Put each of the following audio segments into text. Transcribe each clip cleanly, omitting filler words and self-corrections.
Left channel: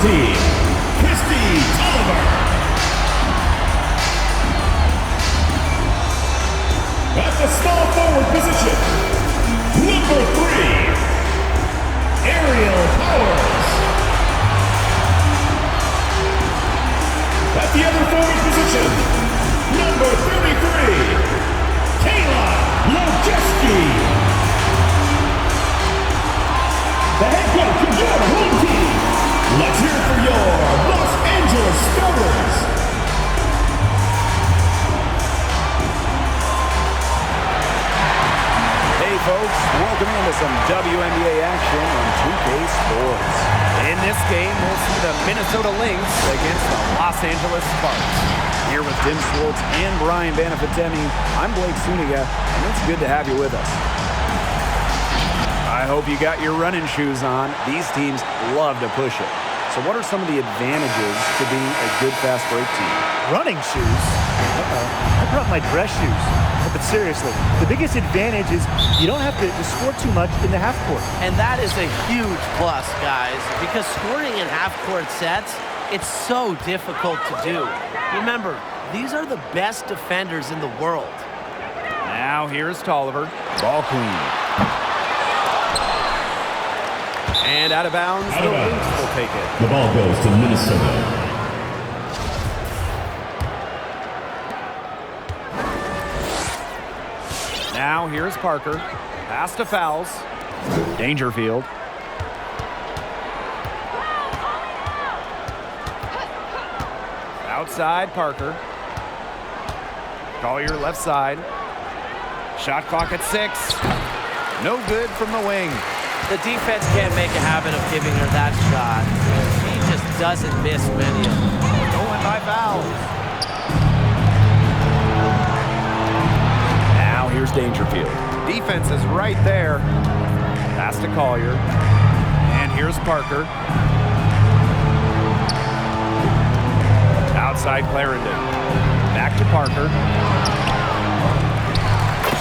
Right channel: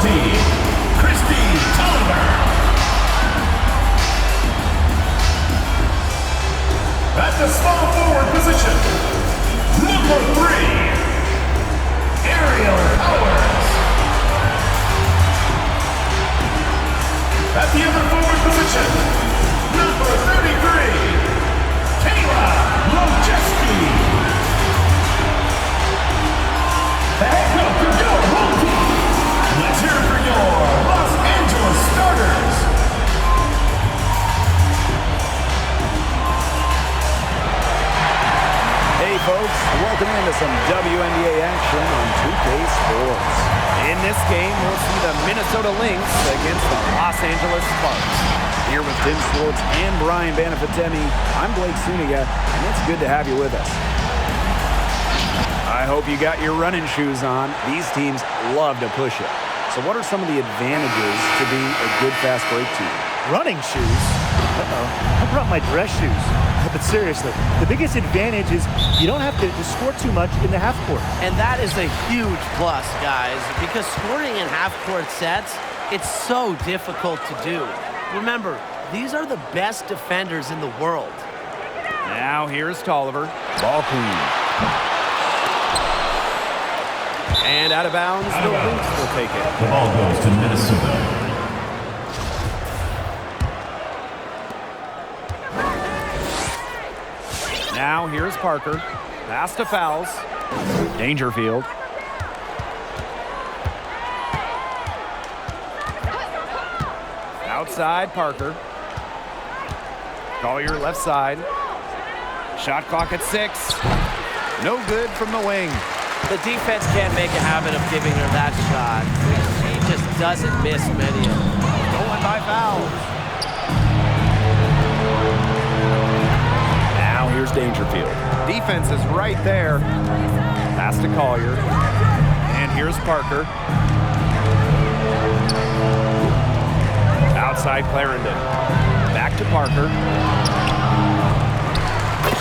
team, Christy Tolliver. At the small forward position, number 3, Aerial Powers. At the other forward position, number 33, Kayla Lojeski. The head coach of your home team. Let's hear it for your Los Angeles starters. Hey folks, welcome into some WNBA action on 2K Sports. In this game, we'll see the Minnesota Lynx against the Los Angeles Sparks. Here with Tim Swartz and Brian Banafitemi, I'm Blake Suniga, and it's good to have you with us. I hope you got your running shoes on. These teams love to push it. So what are some of the advantages to being a good fast break team? Running shoes? I brought my dress shoes. But seriously, the biggest advantage is you don't have to score too much in the half court. And that is a huge plus, guys, because scoring in half-court sets, it's so difficult to do. Remember, these are the best defenders in the world. Now here's Tolliver, ball queen. And out of bounds, the Lynx will take it. The ball goes to Minnesota. Now here's Parker. Pass to Fouls. Dangerfield. Outside Parker. Collier left side. Shot clock at 6. No good from the wing. The defense can't make a habit of giving her that shot. She just doesn't miss many of them. Going by fouls. Now here's Dangerfield. Defense is right there. Pass to Collier. And here's Parker. Outside Clarendon. Back to Parker.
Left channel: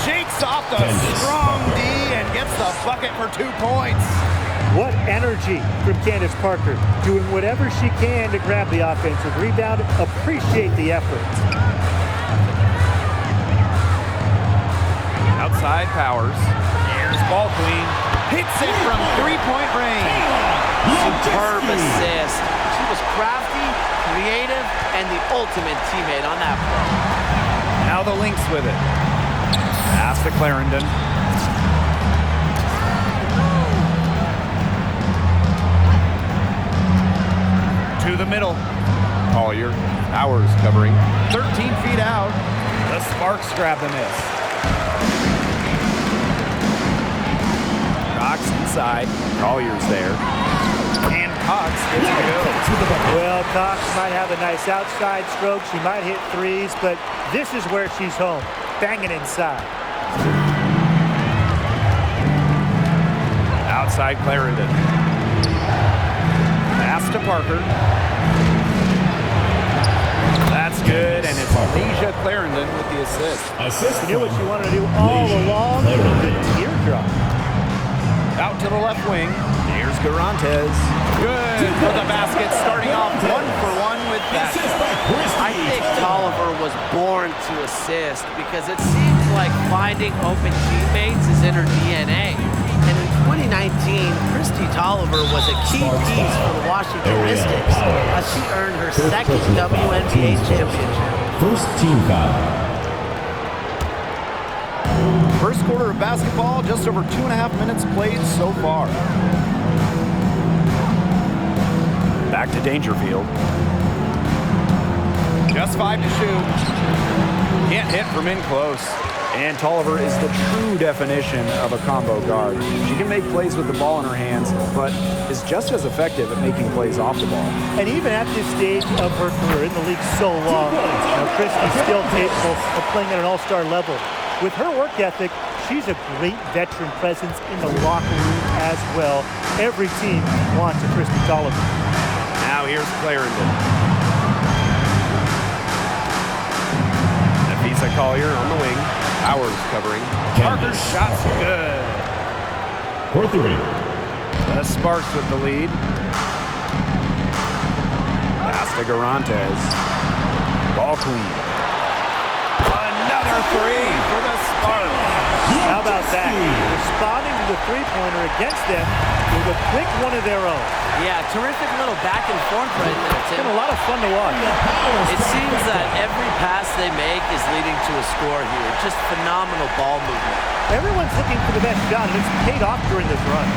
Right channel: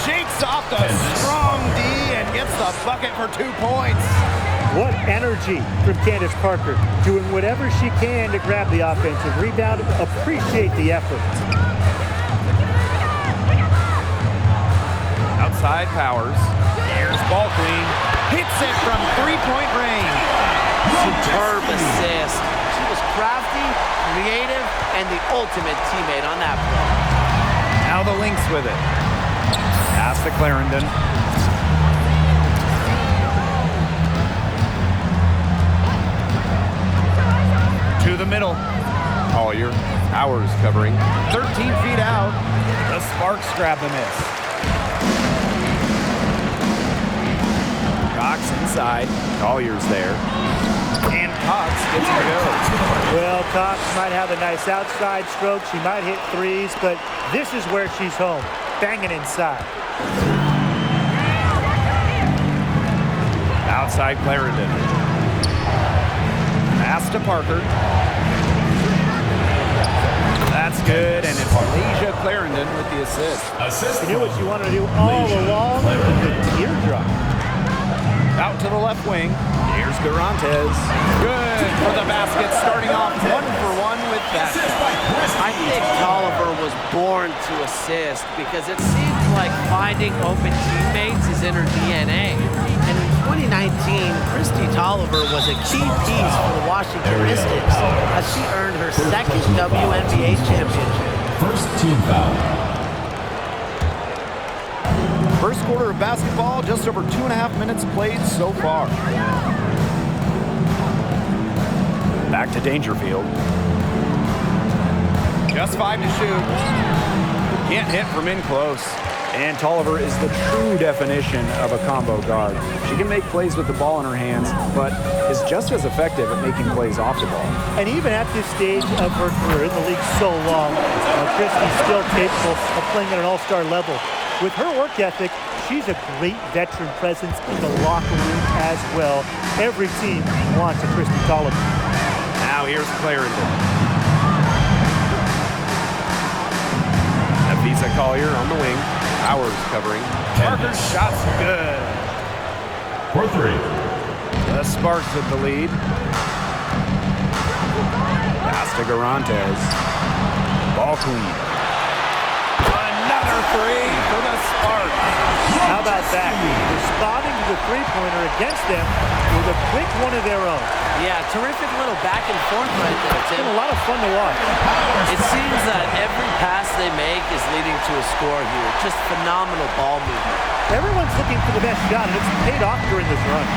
Shakes off the strong D and gets the bucket for 2 points. What energy from Candace Parker, doing whatever she can to grab the offensive rebound. Appreciate the effort. Outside Powers. Here's ball queen. Hits it from 3-point range. Superb assist. She was crafty, creative, and the ultimate teammate on that play. Now the Lynx with it. Pass to Clarendon. To the middle. Collier. Powers covering. 13 feet out. The Sparks grab the miss. Cox inside. Collier's there. And Cox gets to go. Well, Cox might have a nice outside stroke. She might hit threes, but this is where she's home. Banging inside. Outside Clarendon. Pass to Parker. That's good, and it's Leisha Clarendon with the assist. You knew what you wanted to do all along? The teardrop. Out to the left wing. Here's Garantes. Good for the basket, starting off 1-for-1 with that shot. I think Tolliver was born to assist because it seems like finding open teammates is in her DNA. And in 2019, Christy Tolliver was a key piece for the Washington Mystics as she earned her second WNBA championship. First team foul. First quarter of basketball, just over 2.5 minutes played so far. Back to Dangerfield. Just 5 to shoot. Can't hit from in close. And Tolliver is the true definition of a combo guard. She can make plays with the ball in her hands, but is just as effective at making plays off the ball. And even at this stage of her career, in the league so long, Christy's still capable of playing at an all-star level. With her work ethic, she's a great veteran presence in the locker room as well. Every team wants a Christy Tolliver. Now here's Clarendon. Nafisa Collier on the wing. Powers covering. Parker's shot's good. For 3. The Sparks with the lead. Pass to Garantes. Ball clean. Another three for the Sparks. How about that? Responding to the three-pointer against them with a quick one of their own. Yeah, terrific little back and forth right there, It's Tim. been a lot of fun to watch. It seems that every pass they make is leading to a score here. Just phenomenal ball movement. Everyone's looking for the best shot, and it's paid off during this run.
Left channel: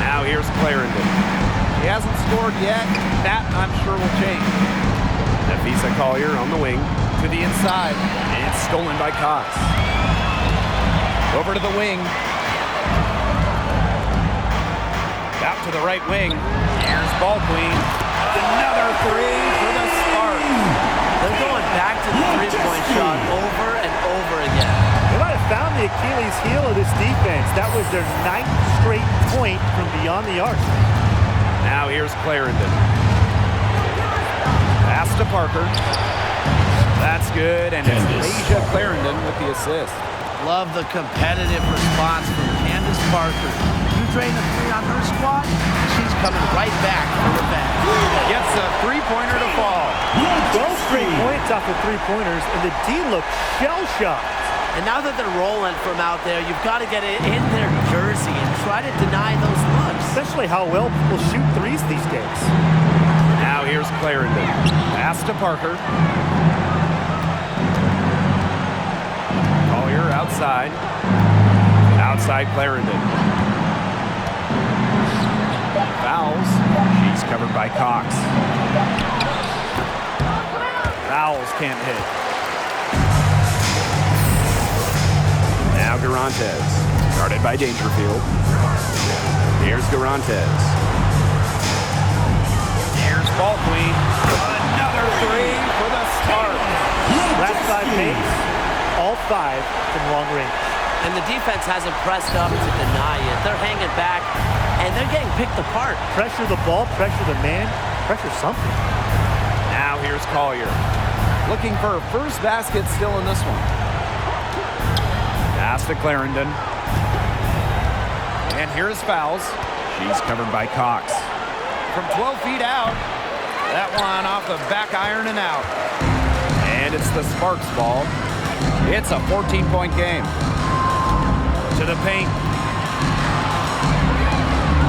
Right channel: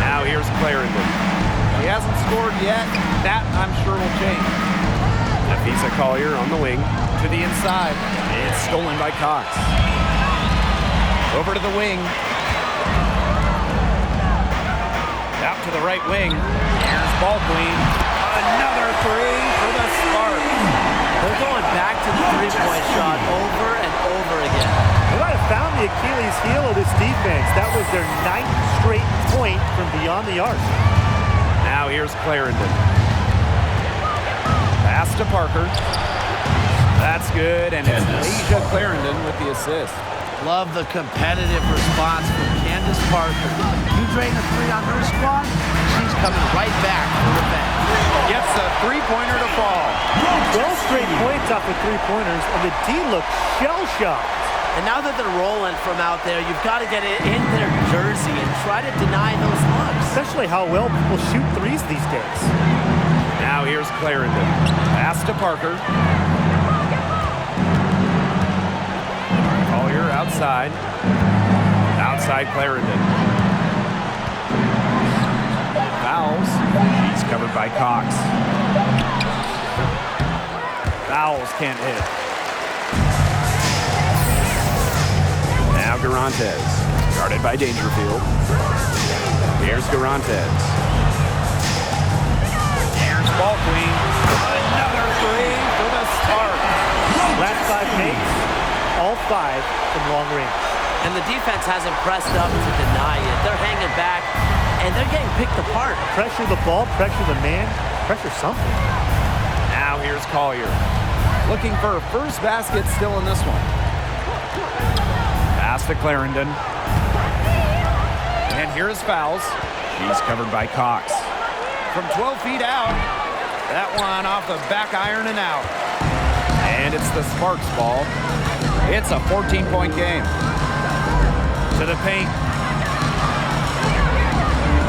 Now here's Clarendon. He hasn't scored yet. That, I'm sure, will change. Nafisa Collier on the wing to the inside. It's stolen by Cox. Over to the wing. Out to the right wing. Here's ball queen. Another three for the Sparks. They're going back to the three-point shot over and over again. They might have found the Achilles heel of this defense. That was their 9th straight point from beyond the arc. Now here's Clarendon. Pass to Parker. That's good, and it's Leisha Clarendon with the assist. Love the competitive response from Candace Parker. You drain a three on her squad, she's coming right back for revenge. Gets a three-pointer to fall. 12 straight points off of three-pointers, and the D looks shell-shocked. And now that they're rolling from out there, you've got to get it in their jersey and try to deny those looks. Especially how well people shoot threes these days. Now here's Clarendon. Pass to Parker. Collier outside. Outside Clarendon. Fouls. She's covered by Cox. Fouls can't hit. Now Garantes. Guarded by Dangerfield. Here's Garantes. Here's ball queen. Another three for the Sparks. Last 5 makes, all 5 from long range. And the defense hasn't pressed up to deny it. They're hanging back, and they're getting picked apart. Pressure the ball, pressure the man, pressure something. Now here's Collier. Looking for her first basket still in this one. Pass to Clarendon. And here's fouls. She's covered by Cox. From 12 feet out. That one off the back iron and out. And it's the Sparks ball. It's a 14-point game. To the paint.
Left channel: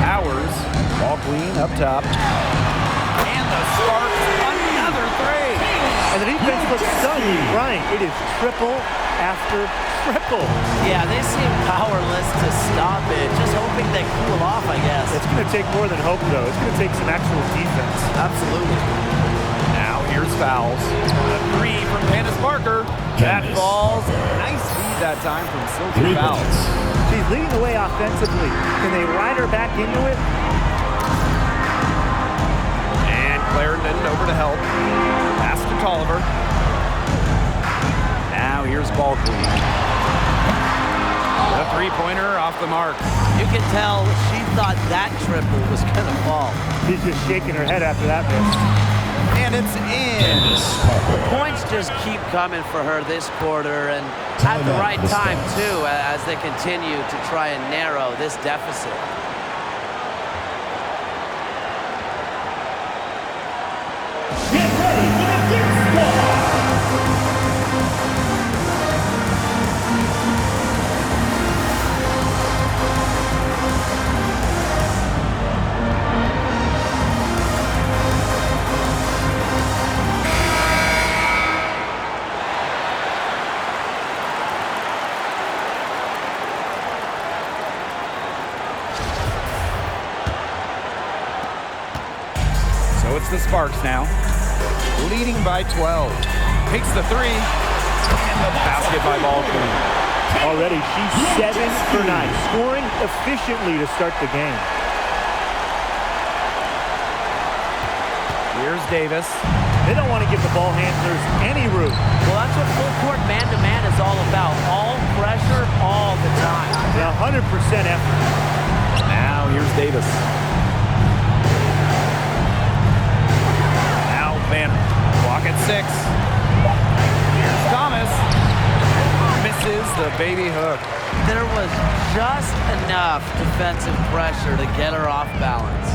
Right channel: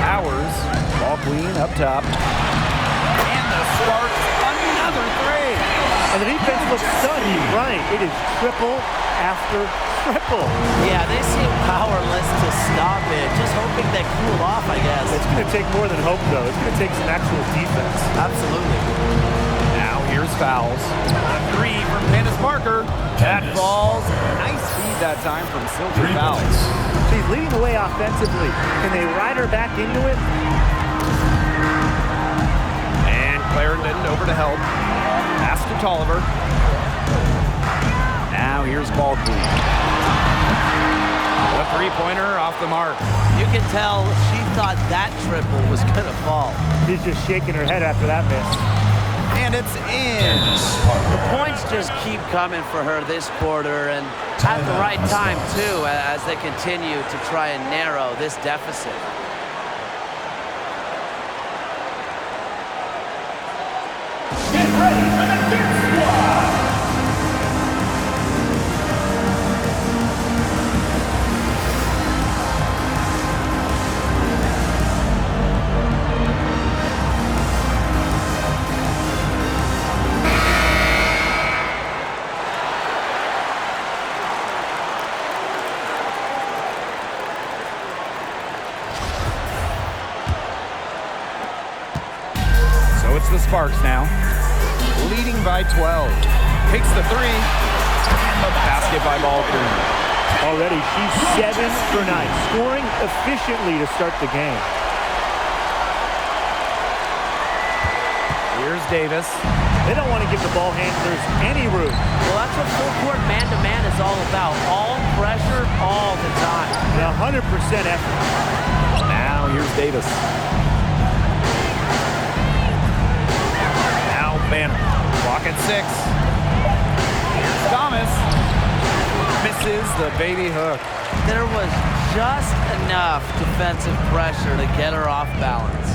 Powers. Ball queen up top. And the Sparks, another three. And the defense looks stunned. Right, it is triple after triple. Yeah, they seem powerless to stop it. Just hoping they cool off, I guess. It's going to take more than hope, though. It's going to take some actual defense. Absolutely. Now here's fouls. A three from Candace Parker. That falls. Nice feed that time from Sylvia Fouls. She's leading the way offensively. Can they ride her back into it? And Clarendon over to help. Pass to Tolliver. Now here's ball queen. The three-pointer off the mark. You can tell she thought that triple was going to fall. She's just shaking her head after that miss. And it's in. The points just keep coming for her this quarter, and at the right time, too, as they continue to try and narrow this deficit. Get ready for the Lynx squad. So it's the Sparks now, leading by 12. Takes the three, and the basket by ball queen. Already, she's 7 for 9, scoring efficiently to start the game. Here's Davis. They don't want to give the ball handlers any room. Well, that's what full court man-to-man is all about. All pressure, all the time. And 100% effort. Now here's Davis. Now Banner. Clock at 6. Here's Thomas. Misses the baby hook. There was just enough defensive pressure to get her off balance.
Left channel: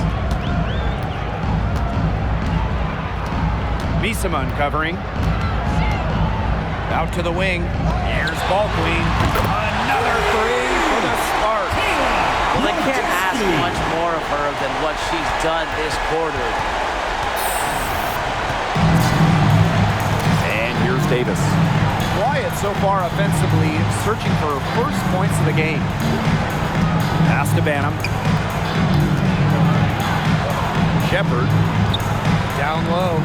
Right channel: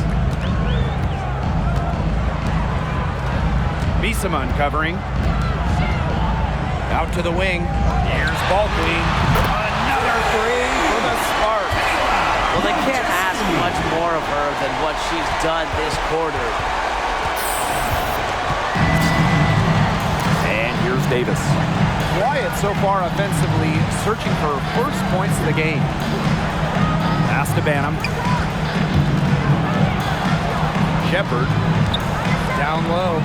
Misama uncovering. Out to the wing. Here's ball queen. Another three for the Sparks. Well, they can't ask much more of her than what she's done this quarter. And here's Davis. Quiet so far offensively, searching for first points of the game. Pass to Banham. Shepard. Down low.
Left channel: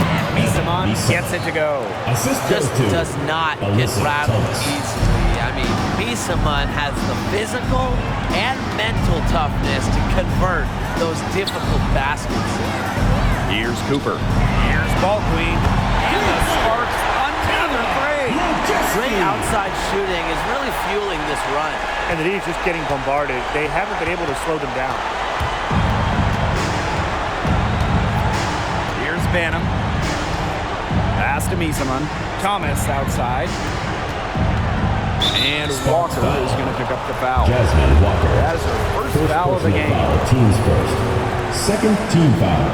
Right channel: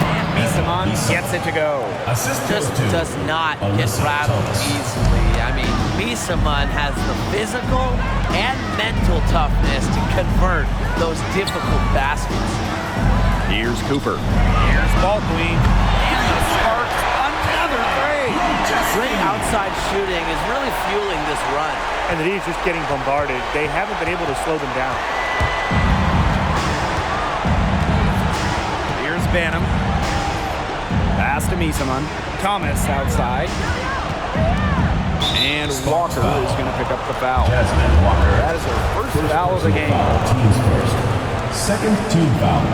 And Misama gets it to go. Assist Just goes to does not get Alyssa rattled Thomas. easily. I mean, Misama has the physical and mental toughness to convert those difficult baskets. Here's Cooper. Here's ball queen. And the Sparks, another three. Great outside shooting is really fueling this run. And the D's just getting bombarded. They haven't been able to slow them down. Here's Banham. Pass to Misama. Thomas outside. And Walker is going to pick up the foul. Jasmine Walker. That is her first foul of the personal game. Foul, teams first. Second team foul.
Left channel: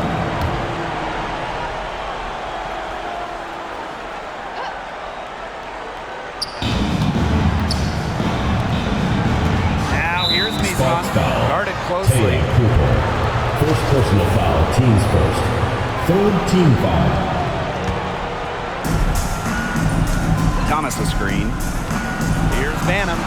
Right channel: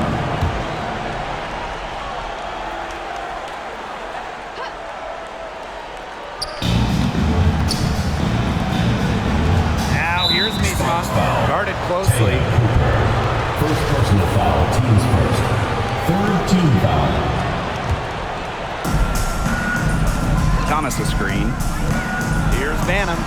Now here's Misama. Foul. Guarded closely. Taylor Cooper. First personal foul, teams first. Third team foul. Thomas a screen. Here's Banham.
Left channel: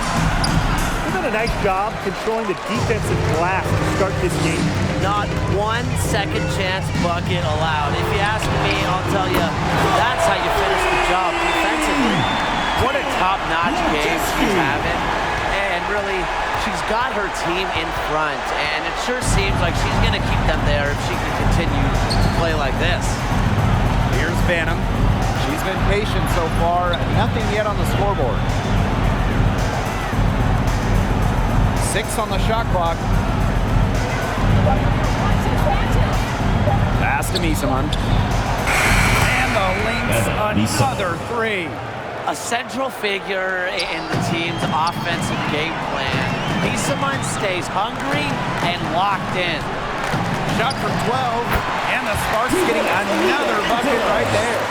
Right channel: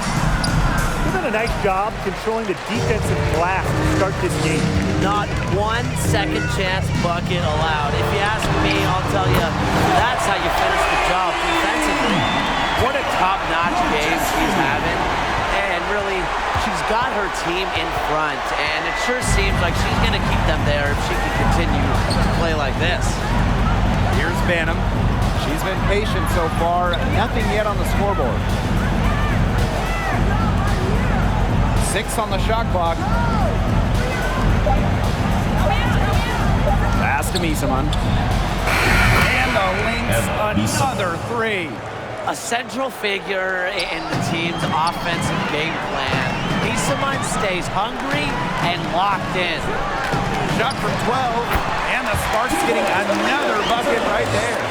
They've done a nice job controlling the defensive glass to start this game. Not one second chance bucket allowed. If you ask me, I'll tell you, that's how you finish the job defensively. What a top-notch game she's having. And really, she's got her team in front. And it sure seems like she's going to keep them there if she can continue to play like this. Here's Banham. She's been patient so far. Nothing yet on the scoreboard. 6 on the shot clock. Pass to Misama. And the Lynx, another three. A central figure in the team's offensive game plan. Misama stays hungry and locked in. Shot from 12. And the Sparks getting another bucket right there.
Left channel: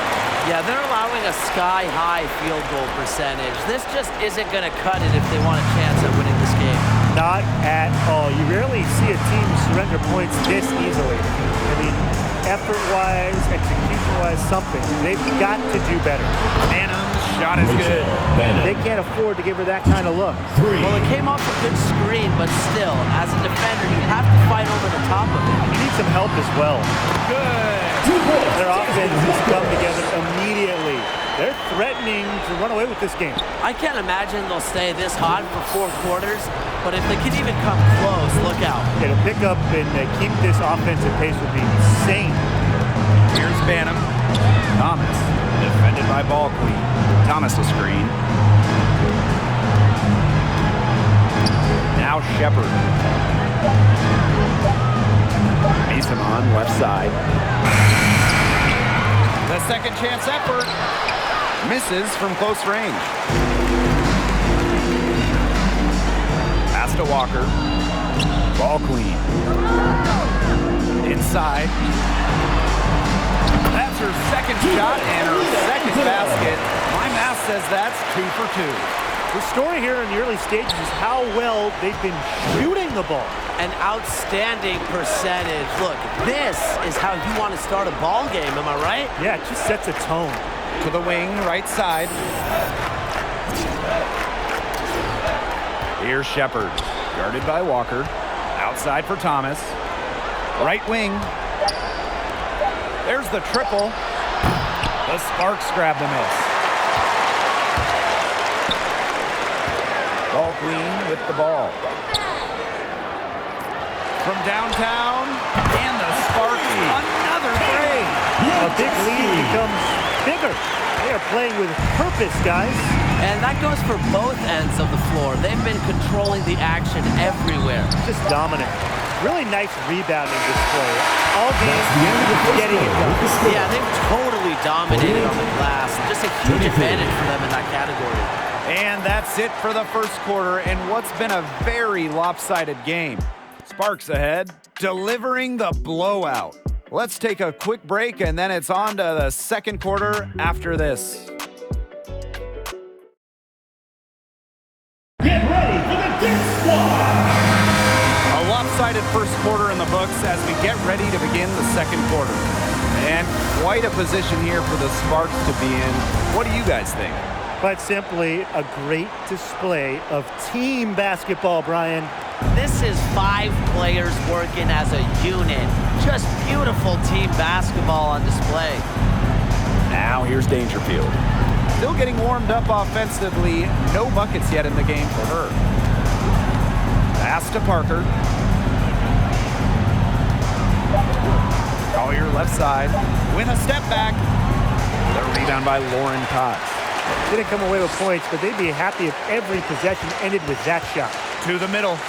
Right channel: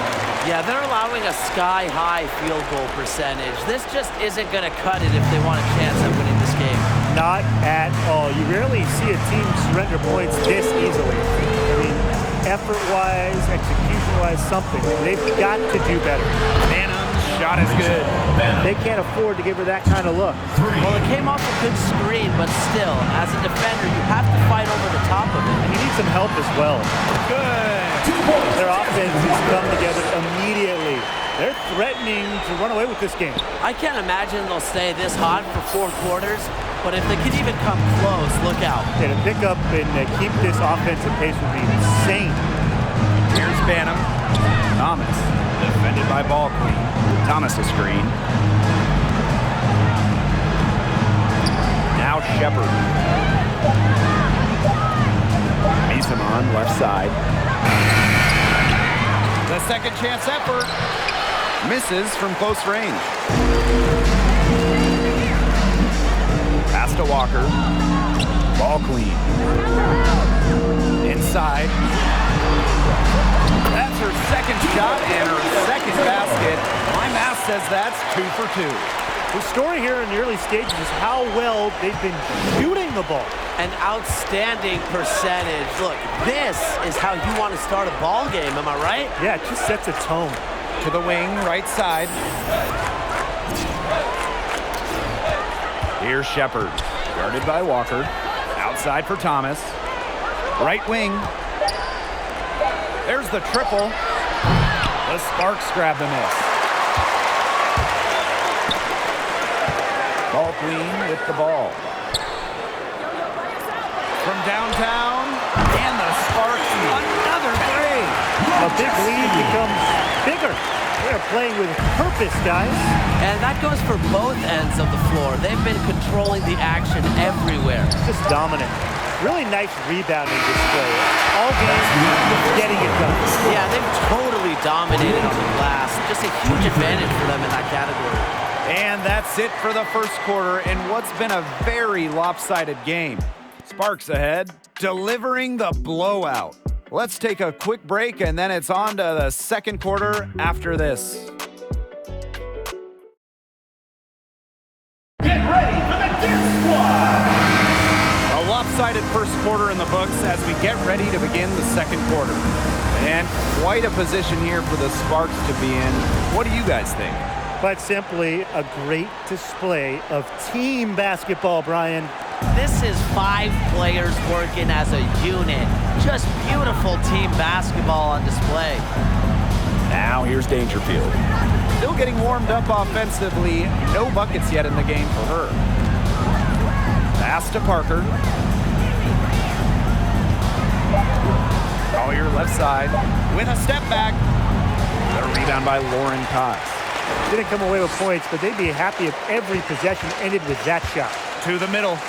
Yeah, they're allowing a sky-high field goal percentage. This just isn't going to cut it if they want a chance at winning this game. Not at all. You rarely see a team surrender points this easily. I mean, effort-wise, execution-wise, something. They've got to do better. Banham's shot is good. They can't afford to give her that kind of look. Well, it came off a good screen, but still, as a defender, you have to fight over the top of it. And you need some help as well. Good. Their offense has come together immediately. They're threatening to run away with this game. I can't imagine they'll stay this hot for 4 quarters, but if they can even come close, look out. Yeah, to pick up and keep this offensive pace would be insane. Here's Banham. Thomas, defended by ball queen. Thomas a screen. Now Shepard. Misama on left side. The second chance effort. Misses from close range. Pass to Walker. Ball queen. Inside. That's her second shot and her second basket. My math says that's 2 for 2. The story here in the early stages is how well they've been shooting the ball. An outstanding percentage. Look, this is how you want to start a ball game, am I right? Yeah, it just sets a tone. To the wing, right side. Here's Shepard, guarded by Walker. Outside for Thomas. Right wing. There's the triple. The Sparks grab the miss. Ball queen with the ball. From downtown, and the Sparks, another three. A big lead becomes bigger. They are playing with purpose, guys. And that goes for both ends of the floor. They've been controlling the action everywhere. Just dominant. Really nice rebounding display. All game, getting it done. Yeah, they've totally dominated on the glass. Just a huge advantage for them in that category. And that's it for the first quarter in what's been a very lopsided game. Sparks ahead, delivering the blowout. Let's take a quick break, and then it's on to the second quarter after this. Get ready for the Gear Squad. A lopsided first quarter in the books as we get ready to begin the second quarter. And quite a position here for the Sparks to be in. What do you guys think? Quite simply, a great display of team basketball, Brian. This is 5 players working as a unit. Just beautiful team basketball on display. Now here's Dangerfield. Still getting warmed up offensively. No buckets yet in the game for her. Pass to Parker. Collier left side with a step back. The rebound by Lauren Cox. Didn't come away with points, but they'd be happy if every possession ended with that shot. To the middle.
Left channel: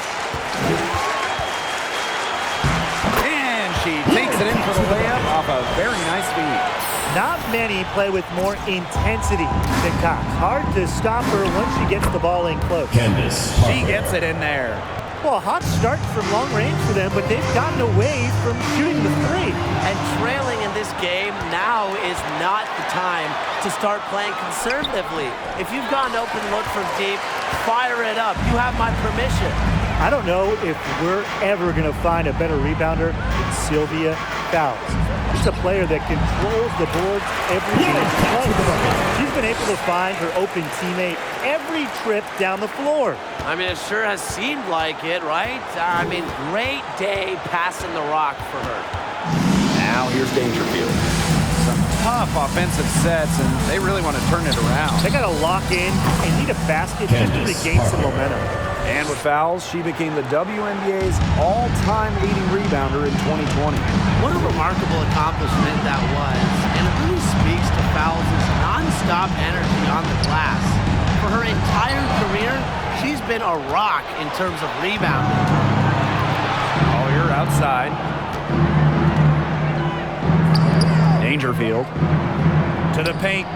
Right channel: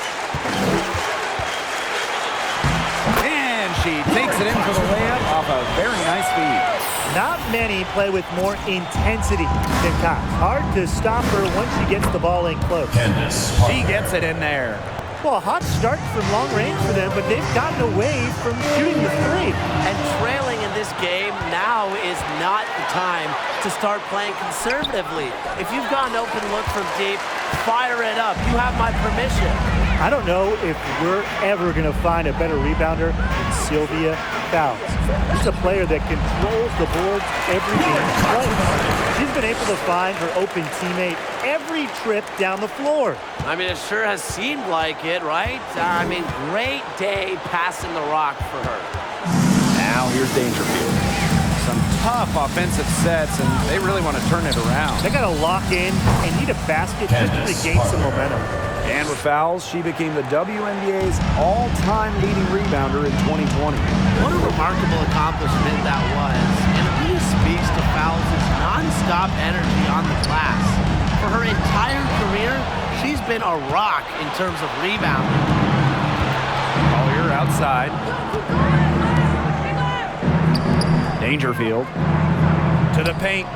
And she takes it in for the layup off a very nice feed. Not many play with more intensity than Cox. Hard to stop her once she gets the ball in close. She gets it in there. Well, a hot start from long range for them, but they've gotten away from shooting the three. And trailing in this game now is not the time to start playing conservatively. If you've got an open look from deep, fire it up. You have my permission. I don't know if we're ever going to find a better rebounder than Sylvia Fowles. She's a player that controls the boards every game she plays. She's been able to find her open teammate every trip down the floor. I mean, it sure has seemed like it, right? I mean, great day passing the rock for her. Now here's Dangerfield. Some tough offensive sets, and they really want to turn it around. They got to lock in and need a basket just to regain some momentum. And with fouls, she became the WNBA's all-time leading rebounder in 2020. What a remarkable accomplishment that was, and it really speaks to Fowles' non-stop energy on the glass. For her entire career, she's been a rock in terms of rebounding. Collier outside. Dangerfield to the paint.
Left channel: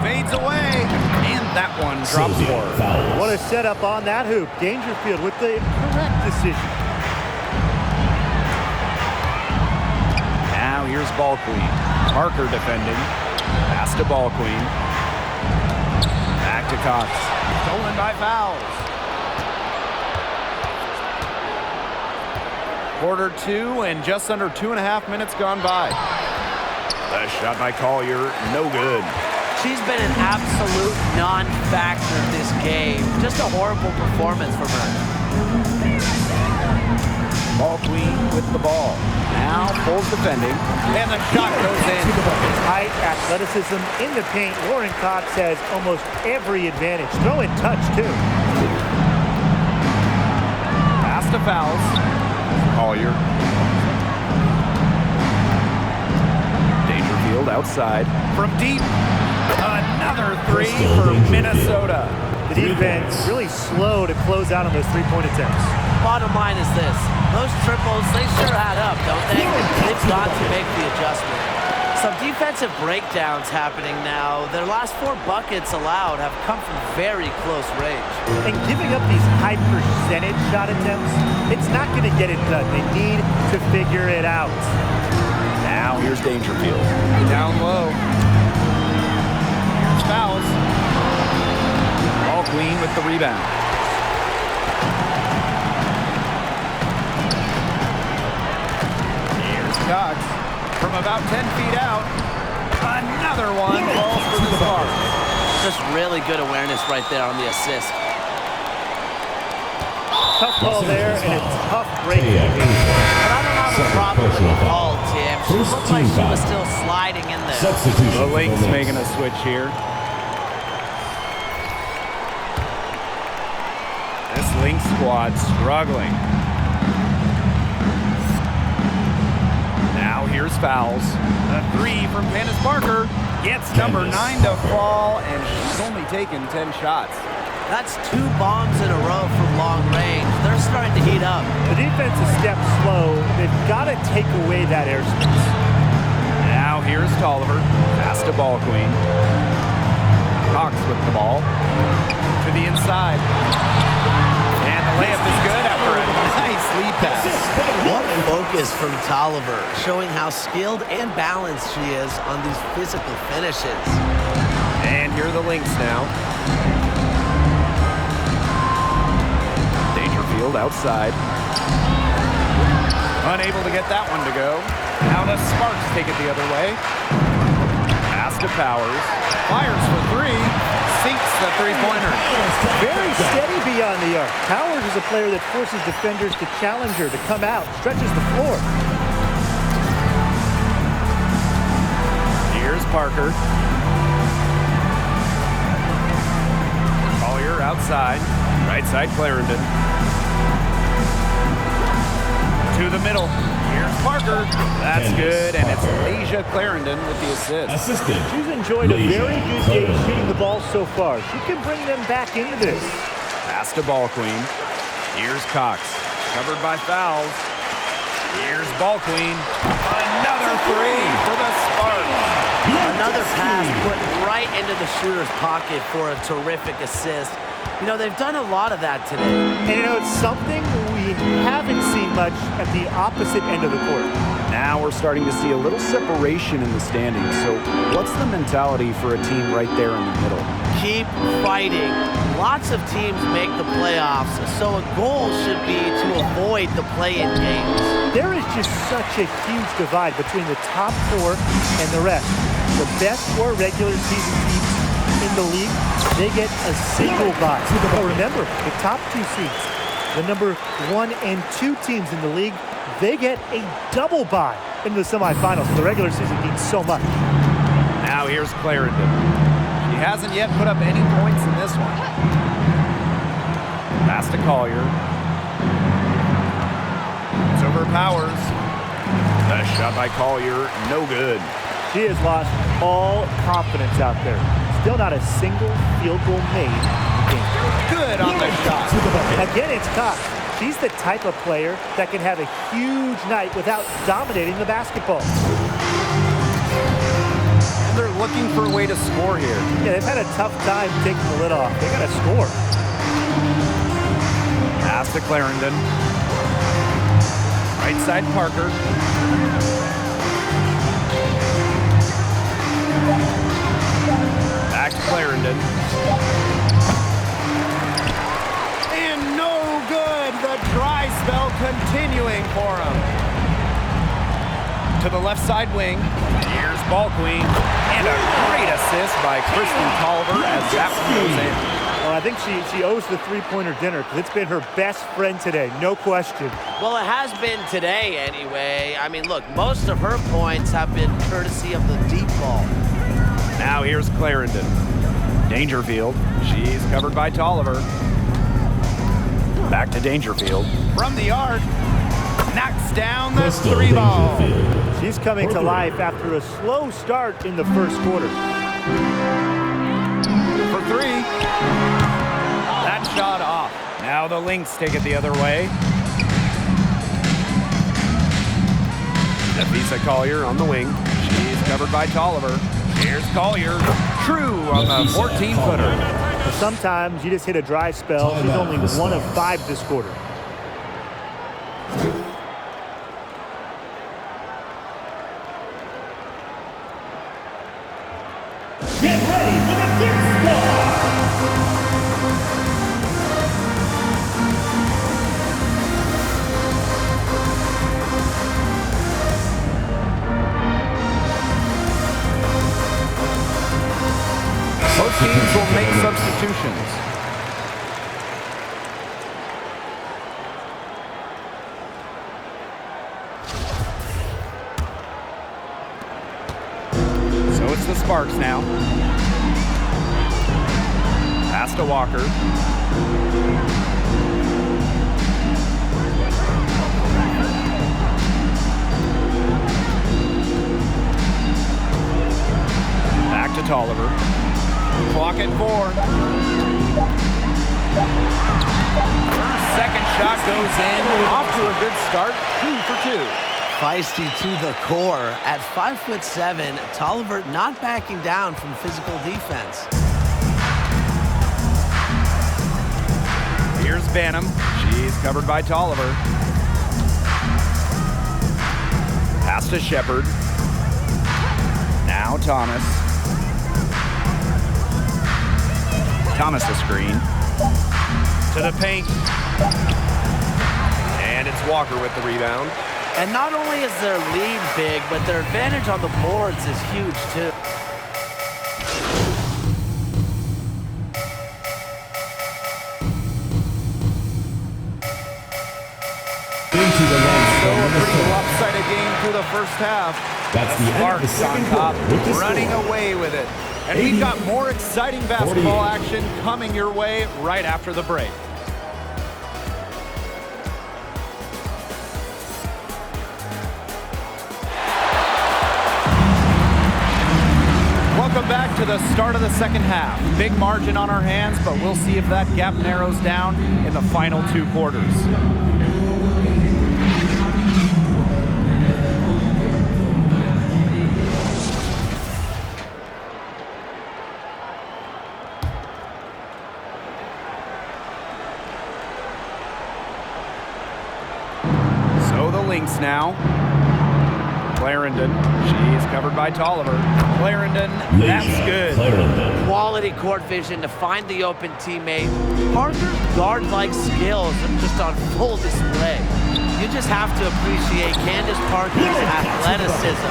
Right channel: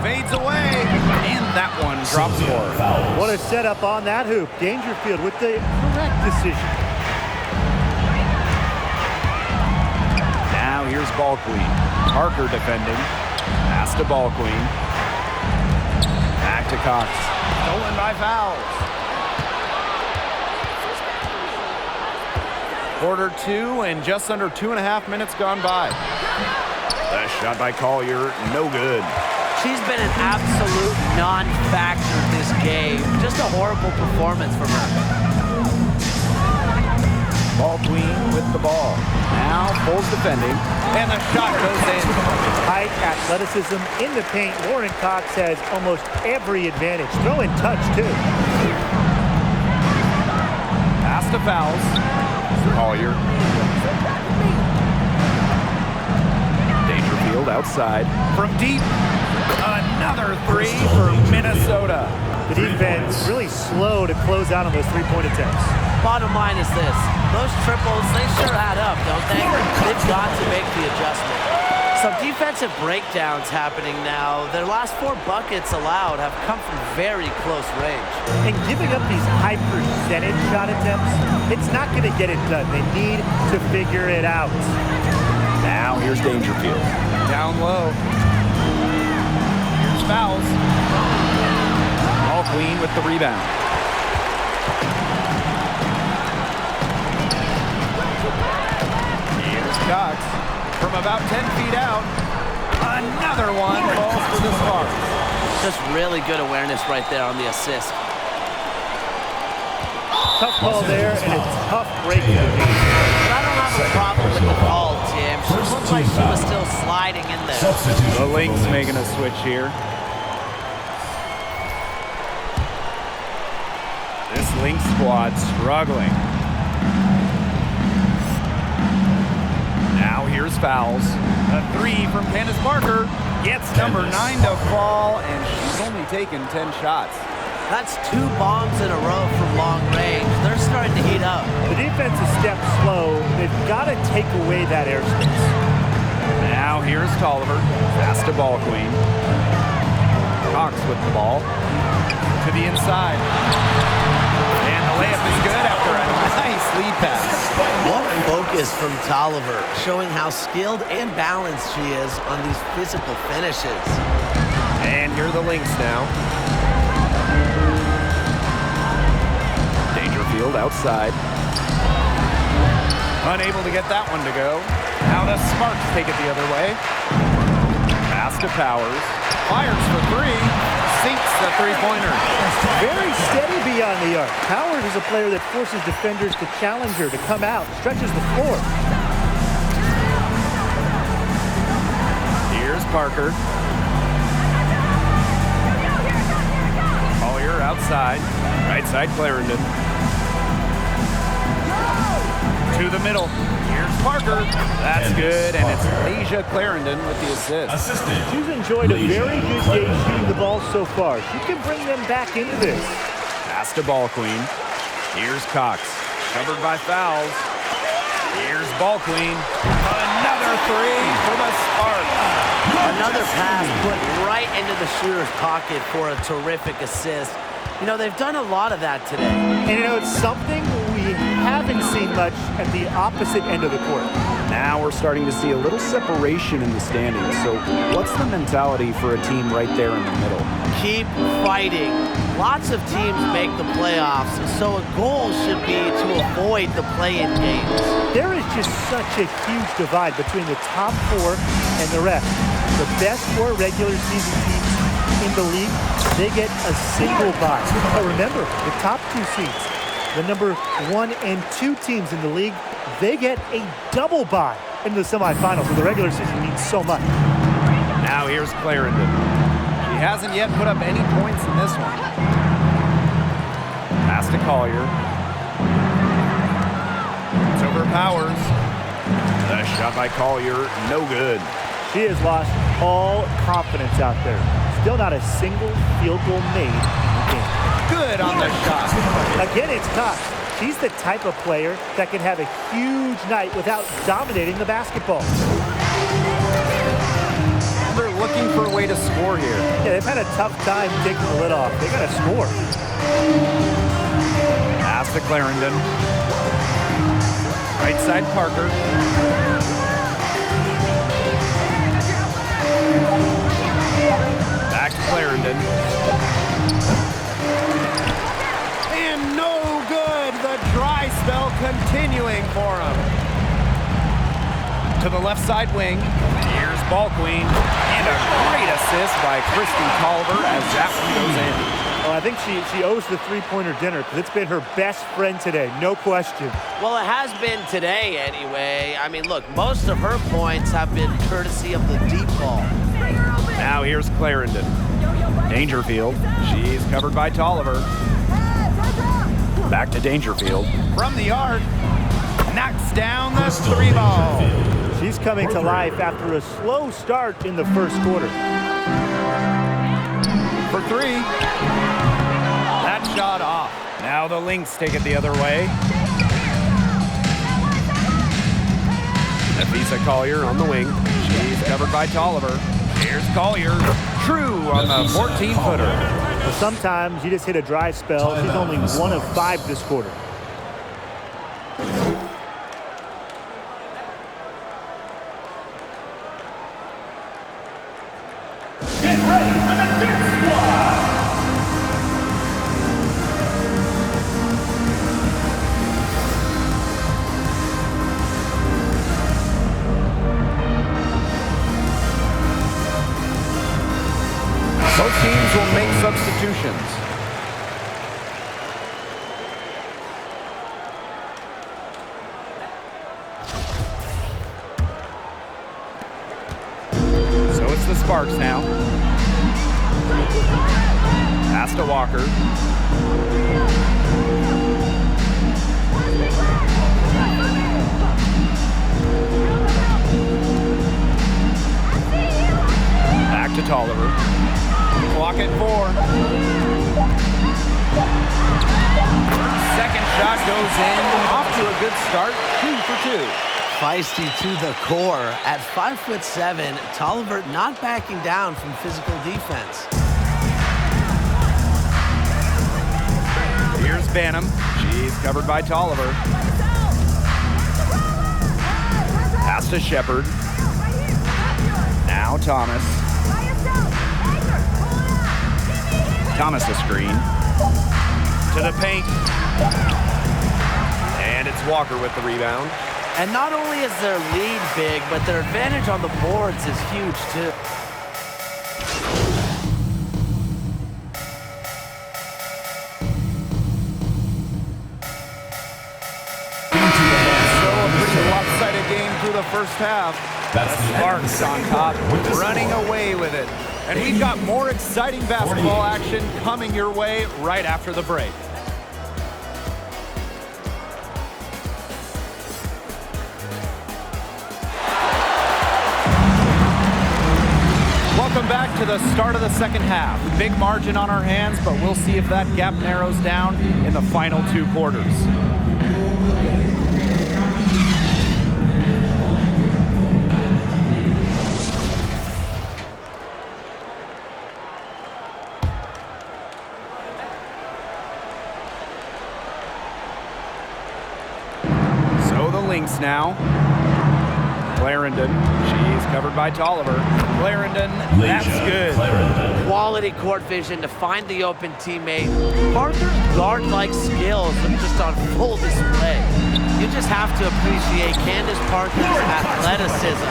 Fades away, and that one drops for her. What a setup on that hoop. Dangerfield with the correct decision. Now here's Ball Queen. Parker defending. Pass to Ball Queen. Back to Cox. Stolen by Fowles. Quarter 2 and just under 2.5 minutes gone by. The shot by Collier, no good. She's been an absolute non-factor this game. Just a horrible performance from her. Ball Queen with the ball. Now Foles defending, and the shot goes in. Height, athleticism in the paint. Lauren Cox has almost every advantage. Throw in touch, too. Pass to Fowles. Collier. Dangerfield outside. From deep. Another three for Minnesota. The defense really slow to close out on those three-point attempts. Bottom line is this. Those triples, they sure add up, don't they? They've got to make the adjustment. Some defensive breakdowns happening now. Their last 4 buckets allowed have come from very close range. And giving up these high percentage shot attempts, it's not going to get it done. They need to figure it out. Now here's Dangerfield. Down low. Here's Fowles. Ball Queen with the rebound. Here's Cox. From about 10 feet out, another one falls for the Sparks. Just really good awareness right there on the assist. Tough call there, and a tough break for the defense. But I don't have a problem with the call, Tim. She looked like she was still sliding in there. The Lynx making a switch here. This Lynx squad struggling. Now here's Fowles. A 3 from Candace Parker. Gets number 9 to fall, and she's only taken 10 shots. That's 2 bombs in a row from long range. They're starting to heat up. The defense is stepped slow. They've got to take away that airspace. Now here's Tolliver. Pass to Ball Queen. Cox with the ball. To the inside. And the layup is good after a nice lead pass. What focus from Tolliver, showing how skilled and balanced she is on these physical finishes. And here are the Lynx now. Dangerfield outside. Unable to get that one to go. Now the Sparks take it the other way. Pass to Powers. Fires for three. Sinks the three-pointer. Very steady beyond the arc. Powers is a player that forces defenders to challenge her, to come out, stretches the floor. Here's Parker. Collier outside. Right side Clarendon. To the middle. Here's Parker. That's good, and it's Leisha Clarendon with the assist. Assistant. She's enjoyed a very good day shooting the ball so far. She can bring them back into this. Pass to Ball Queen. Here's Cox. Covered by fouls. Here's Ball Queen. Another three for the Sparks. Another pass put right into the shooter's pocket for a terrific assist. You know, they've done a lot of that today. And you know, it's something we haven't seen much at the opposite end of the court. Now we're starting to see a little separation in the standings. So what's the mentality for a team right there in the middle? Keep fighting. Lots of teams make the playoffs, so a goal should be to avoid the play-in games. There is just such a huge divide between the top four and the rest. The best four regular season teams in the league, they get a single bye. But remember, the top two seeds, the number 1 and 2 teams in the league, they get a double bye into the semifinals. So the regular season means so much. Now here's Clarendon. She hasn't yet put up any points in this one. Pass to Collier. It's over Powers. The shot by Collier, no good. She has lost all confidence out there. Still not a single field goal made in the game. Good on the shot. Again, it's Cox. She's the type of player that can have a huge night without dominating the basketball. And they're looking for a way to score here. Yeah, they've had a tough time taking the lid off. They got to score. Pass to Clarendon. Right side Parker. Back to Clarendon. And no good. The dry spell continuing for him. To the left side wing. Here's Ball Queen. And a great assist by Christy Tolliver as that one goes in. Oh, I think she owes the three-pointer dinner because it's been her best friend today, no question. Well, it has been today anyway. I mean, look, most of her points have been courtesy of the deep ball. Now here's Clarendon. Dangerfield. She's covered by Tolliver. Back to Dangerfield. From the arc. Knocks down the three ball. She's coming to life after a slow start in the first quarter. For three. That shot off. Now the Lynx take it the other way. Nafisa Collier on the wing. She's covered by Tolliver. Here's Collier. True on the 14-footer. But sometimes you just hit a dry spell. She's only 1 of 5 this quarter. Get ready for the Lynx squad. Both teams will make substitutions. So it's the Sparks now. Pass to Walker. Back to Tolliver. Clock at 4. Her second shot goes in. Off to a good start. 2 for 2. Feisty to the core. At 5'7", Tolliver not backing down from physical defense. Here's Banham. She's covered by Tolliver. Pass to Shepard. Now Thomas. Thomas a screen. To the paint. And it's Walker with the rebound. And not only is their lead big, but their advantage on the boards is huge too. So a pretty lopsided game through the first half. That's the the end of the Sparks on second top, quarter with the running score. away with it. And we've got more exciting basketball action coming your way right after the break. Welcome back to the start of the second half. Big margin on our hands, but we'll see if that gap narrows down in the final 2 quarters. So the Lynx now. Clarendon, she's covered by Tolliver. Clarendon, that's good. Clarendon. Quality court vision to find the open teammate. Parker's guard-like skills are just on full display. You just have to appreciate Candace Parker's athleticism.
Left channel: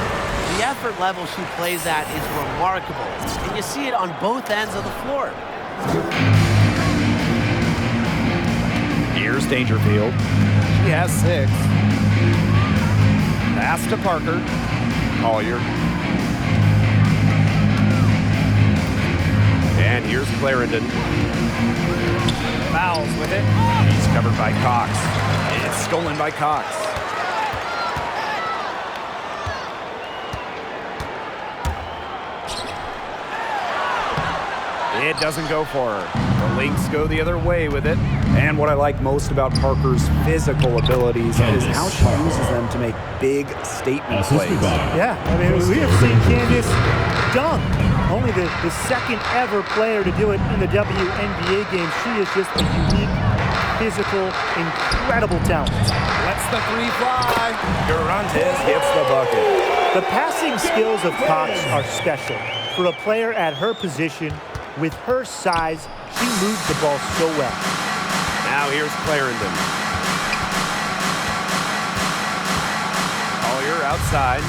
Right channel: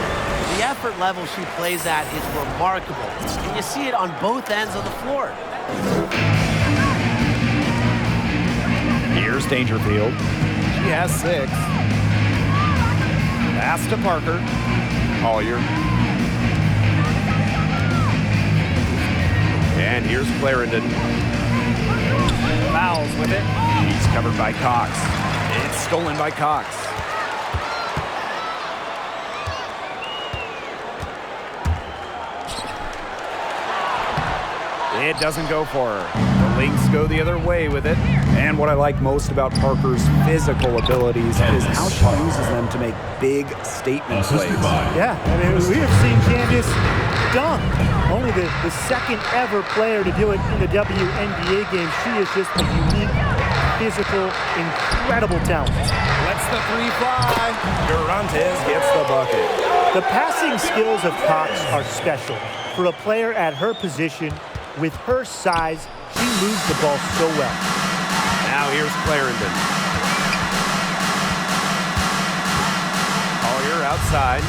The effort level she plays at is remarkable, and you see it on both ends of the floor. Here's Dangerfield. She has 6. Pass to Parker. Collier. And here's Clarendon. Fouls with it. She's covered by Cox. It's stolen by Cox. It doesn't go for her. The Lynx go the other way with it. And what I like most about Parker's physical abilities is how she uses them to make big statement plays. Yeah, I mean, we have seen Candace dunk. Only the second ever player to do it in the WNBA game. She is just a unique, physical, incredible talent. Lets the 3 fly. Garantes gets the bucket. The passing skills of Cox are special. For a player at her position, with her size, she moves the ball so well. Now here's Clarendon. Collier outside.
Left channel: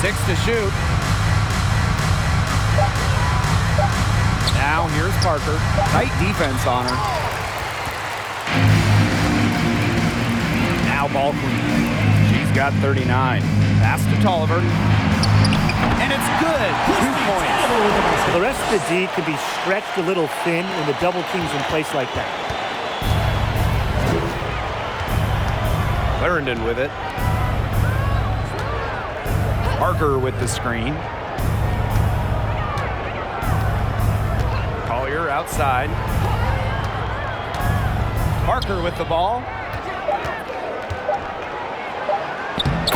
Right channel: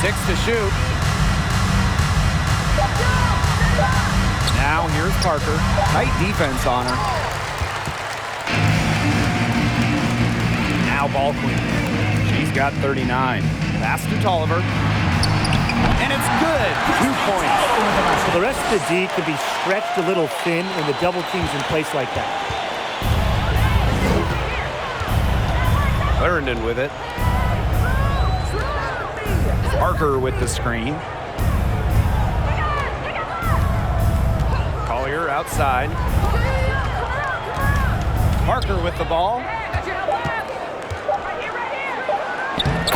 Six to shoot. Now here's Parker. Tight defense on her. Now ball queen. She's got 39. Pass to Tolliver. And it's good. 2 points. The rest of the D can be stretched a little thin when the double team's in place like that. Clarendon with it. Parker with the screen. Collier outside. Parker with the ball.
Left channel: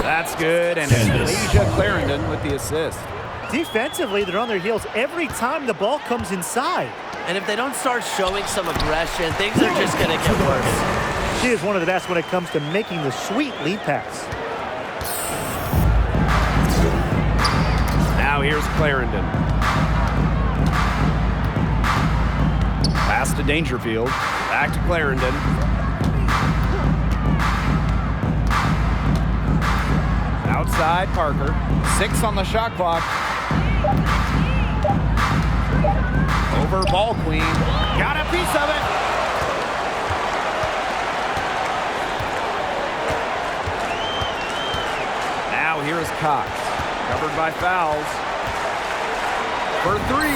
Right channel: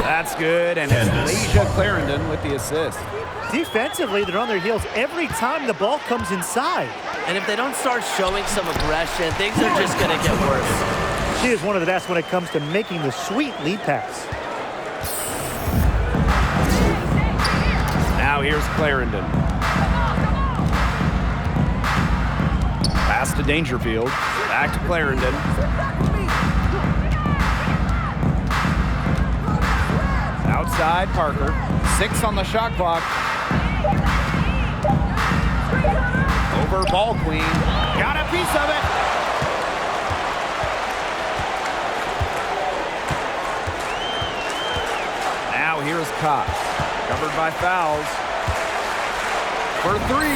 That's good, and it's Lasia Clarendon with the assist. Defensively, they're on their heels every time the ball comes inside. And if they don't start showing some aggression, things are just going to get worse. She is one of the best when it comes to making the sweet lead pass. Now here's Clarendon. Pass to Dangerfield. Back to Clarendon. Outside Parker. 6 on the shot clock. Over ball queen. Got a piece of it. Now here's Cox. Covered by fouls. For 3.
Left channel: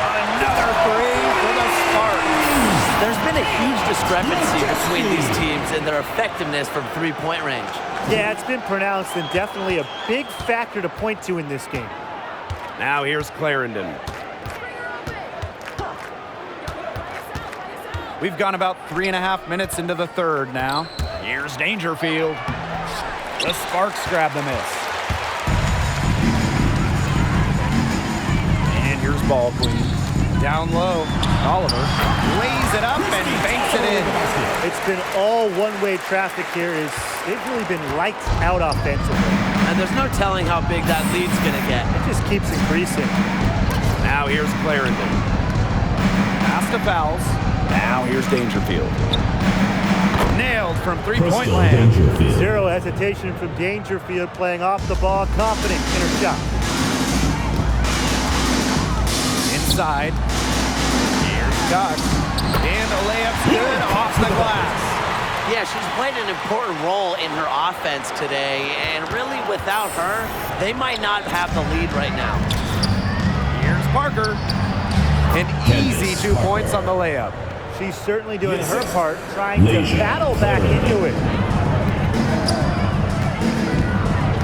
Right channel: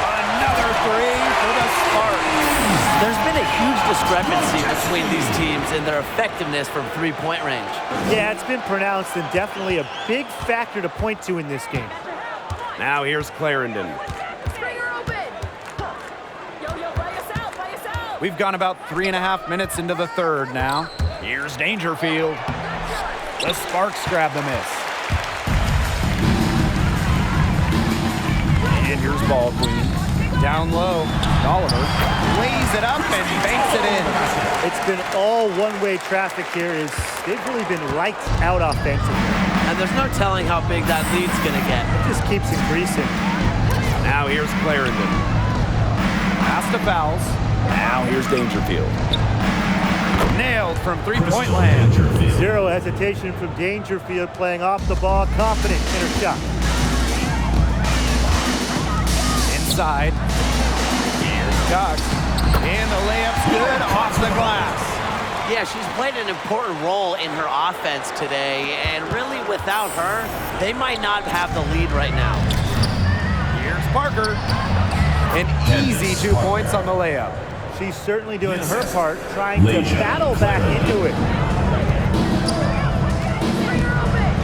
Another 3 for the Sparks. There's been a huge discrepancy between these teams in their effectiveness from three-point range. Yeah, it's been pronounced and definitely a big factor to point to in this game. Now here's Clarendon. We've gone about 3.5 minutes into the third now. Here's Dangerfield. The Sparks grab the miss. And here's ball queen. Down low, Oliver lays it up and banks it in. It's been all one-way traffic here. They've really been lights out offensively. And there's no telling how big that lead's gonna get. It just keeps increasing. Now here's Clarendon. Pass to Fowles. Now here's Dangerfield. Nailed from three-point land. Zero hesitation from Dangerfield, playing off the ball, confident in her shot. Inside. Here's Cox. And the layup's good off the glass. Yeah, she's played an important role in her offense today, and really without her, they might not have the lead right now. Here's Parker. An easy 2 points on the layup. She's certainly doing her part, trying to battle back into it.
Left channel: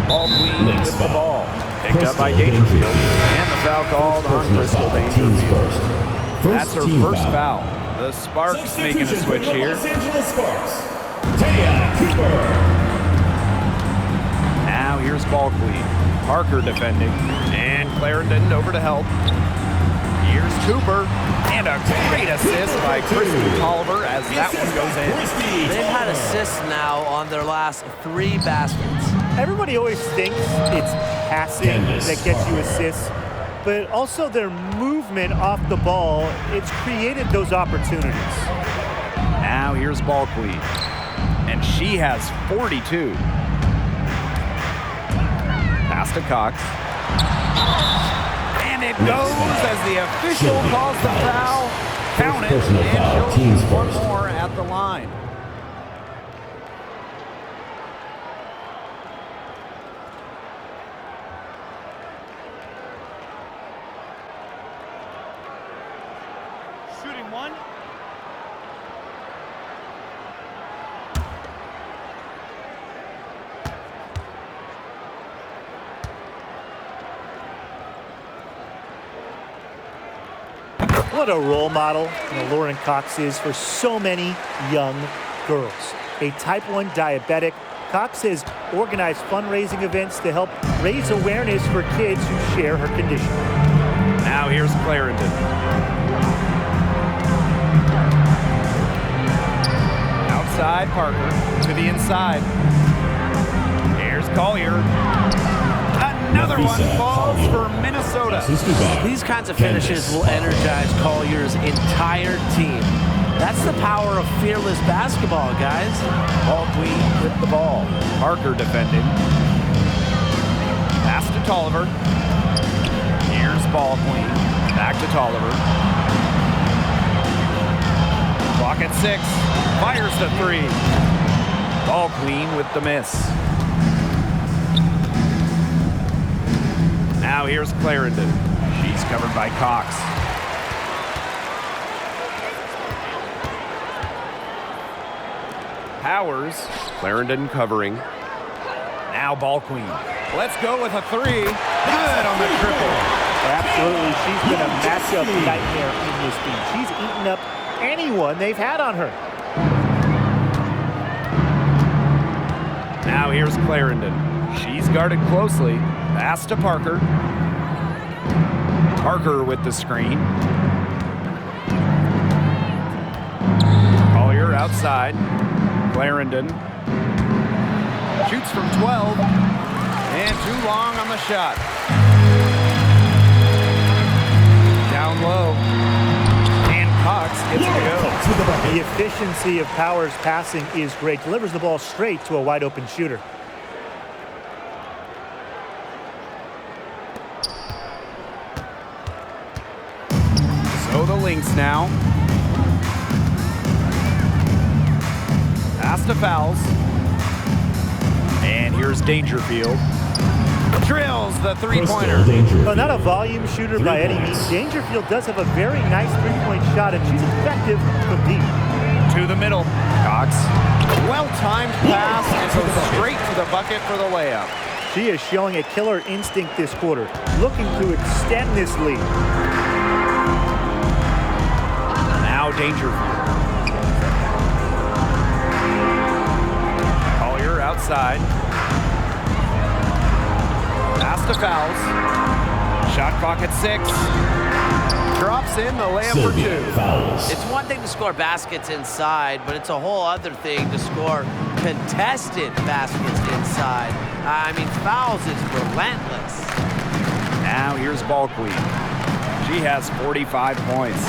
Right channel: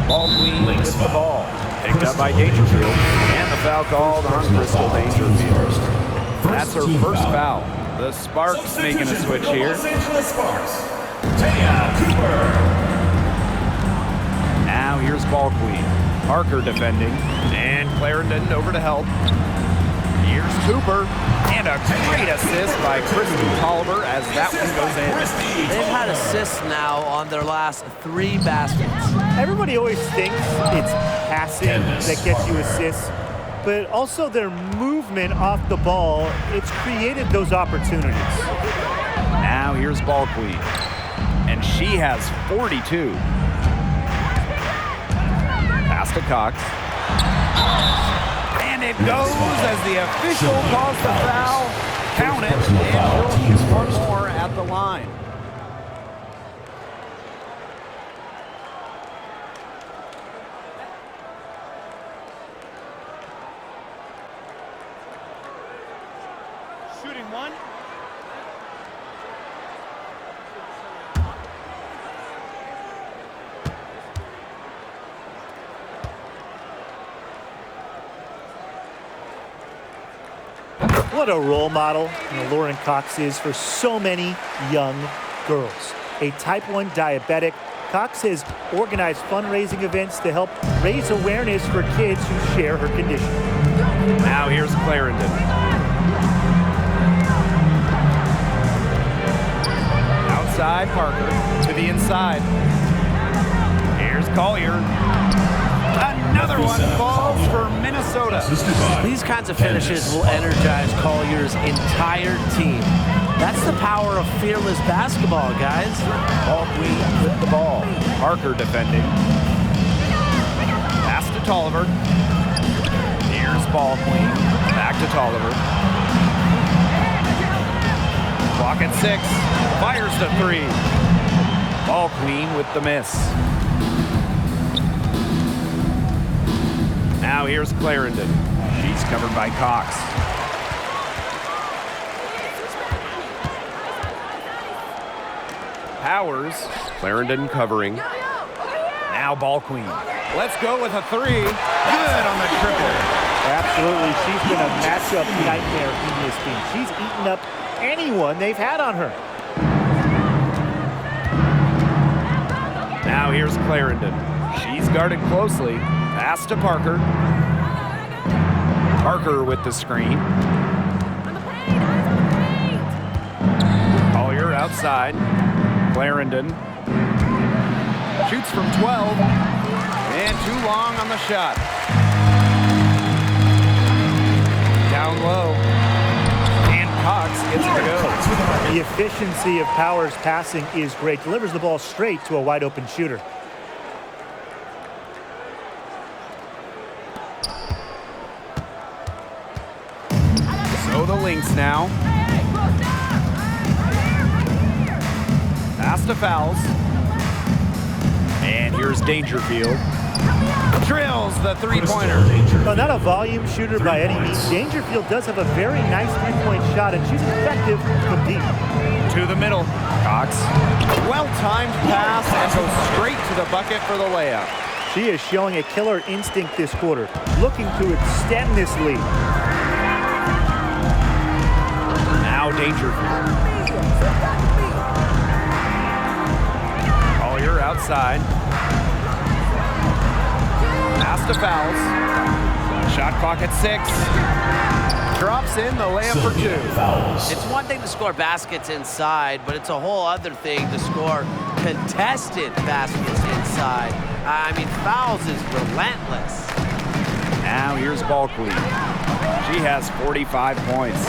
Ball queen with the ball. Picked up by Dangerfield. And the foul called on Crystal Dangerfield. That's her first foul. The Sparks making a switch here. Los Angeles Sparks. Taya Cooper. Now here's ball queen. Parker defending. And Clarendon over to help. Here's Cooper. And a great assist by Christy Tolliver as that one goes in. They've had assists now on their last 3 baskets. Everybody always thinks it's passing that gets you assists, but also their movement off the ball, it's created those opportunities. Now here's ball queen. And she has 42. Pass to Cox. And it goes as the official calls the foul. Count it, and she'll shoot one more at the line. Shooting one. What a role model Lauren Cox is for so many young girls. A type 1 diabetic, Cox has organized fundraising events to help raise awareness for kids who share her condition. Now here's Clarendon. Outside Parker to the inside. Here's Collier. Another one falls for Minnesota. These kinds of finishes will energize Collier's entire team. That's the power of fearless basketball, guys. Ball queen with the ball. Parker defending. Pass to Tolliver. Here's ball queen. Back to Tolliver. Clock at 6. Fires to 3. Ball queen with the miss. Now here's Clarendon. She's covered by Cox. Powers. Clarendon covering. Now ball queen. Let's go with a 3. Good on the triple. Absolutely. She's been a matchup nightmare in this team. She's eaten up anyone they've had on her. Now here's Clarendon. She's guarded closely. Pass to Parker. Parker with the screen. Collier outside. Clarendon shoots from 12. And too long on the shot. Down low. And Cox gets it to go. The efficiency of Powers' passing is great. Delivers the ball straight to a wide open shooter. So the Lynx now. Pass to Fowles. And here's Dangerfield. Drills the three-pointer. Well, not a volume shooter by any means. Dangerfield does have a very nice three-point shot, and she's effective from deep. To the middle. Cox. Well-timed pass and goes straight to the bucket for the layup. She is showing a killer instinct this quarter, looking to extend this lead. Now Dangerfield. Collier outside. Pass to Fowles. Shot clock at 6. Drops in the layup for 2. Fouls. It's one thing to score baskets inside, but it's a whole other thing to score contested baskets inside. I mean, fouls is relentless. Now here's Ball Queen. She has 45 points.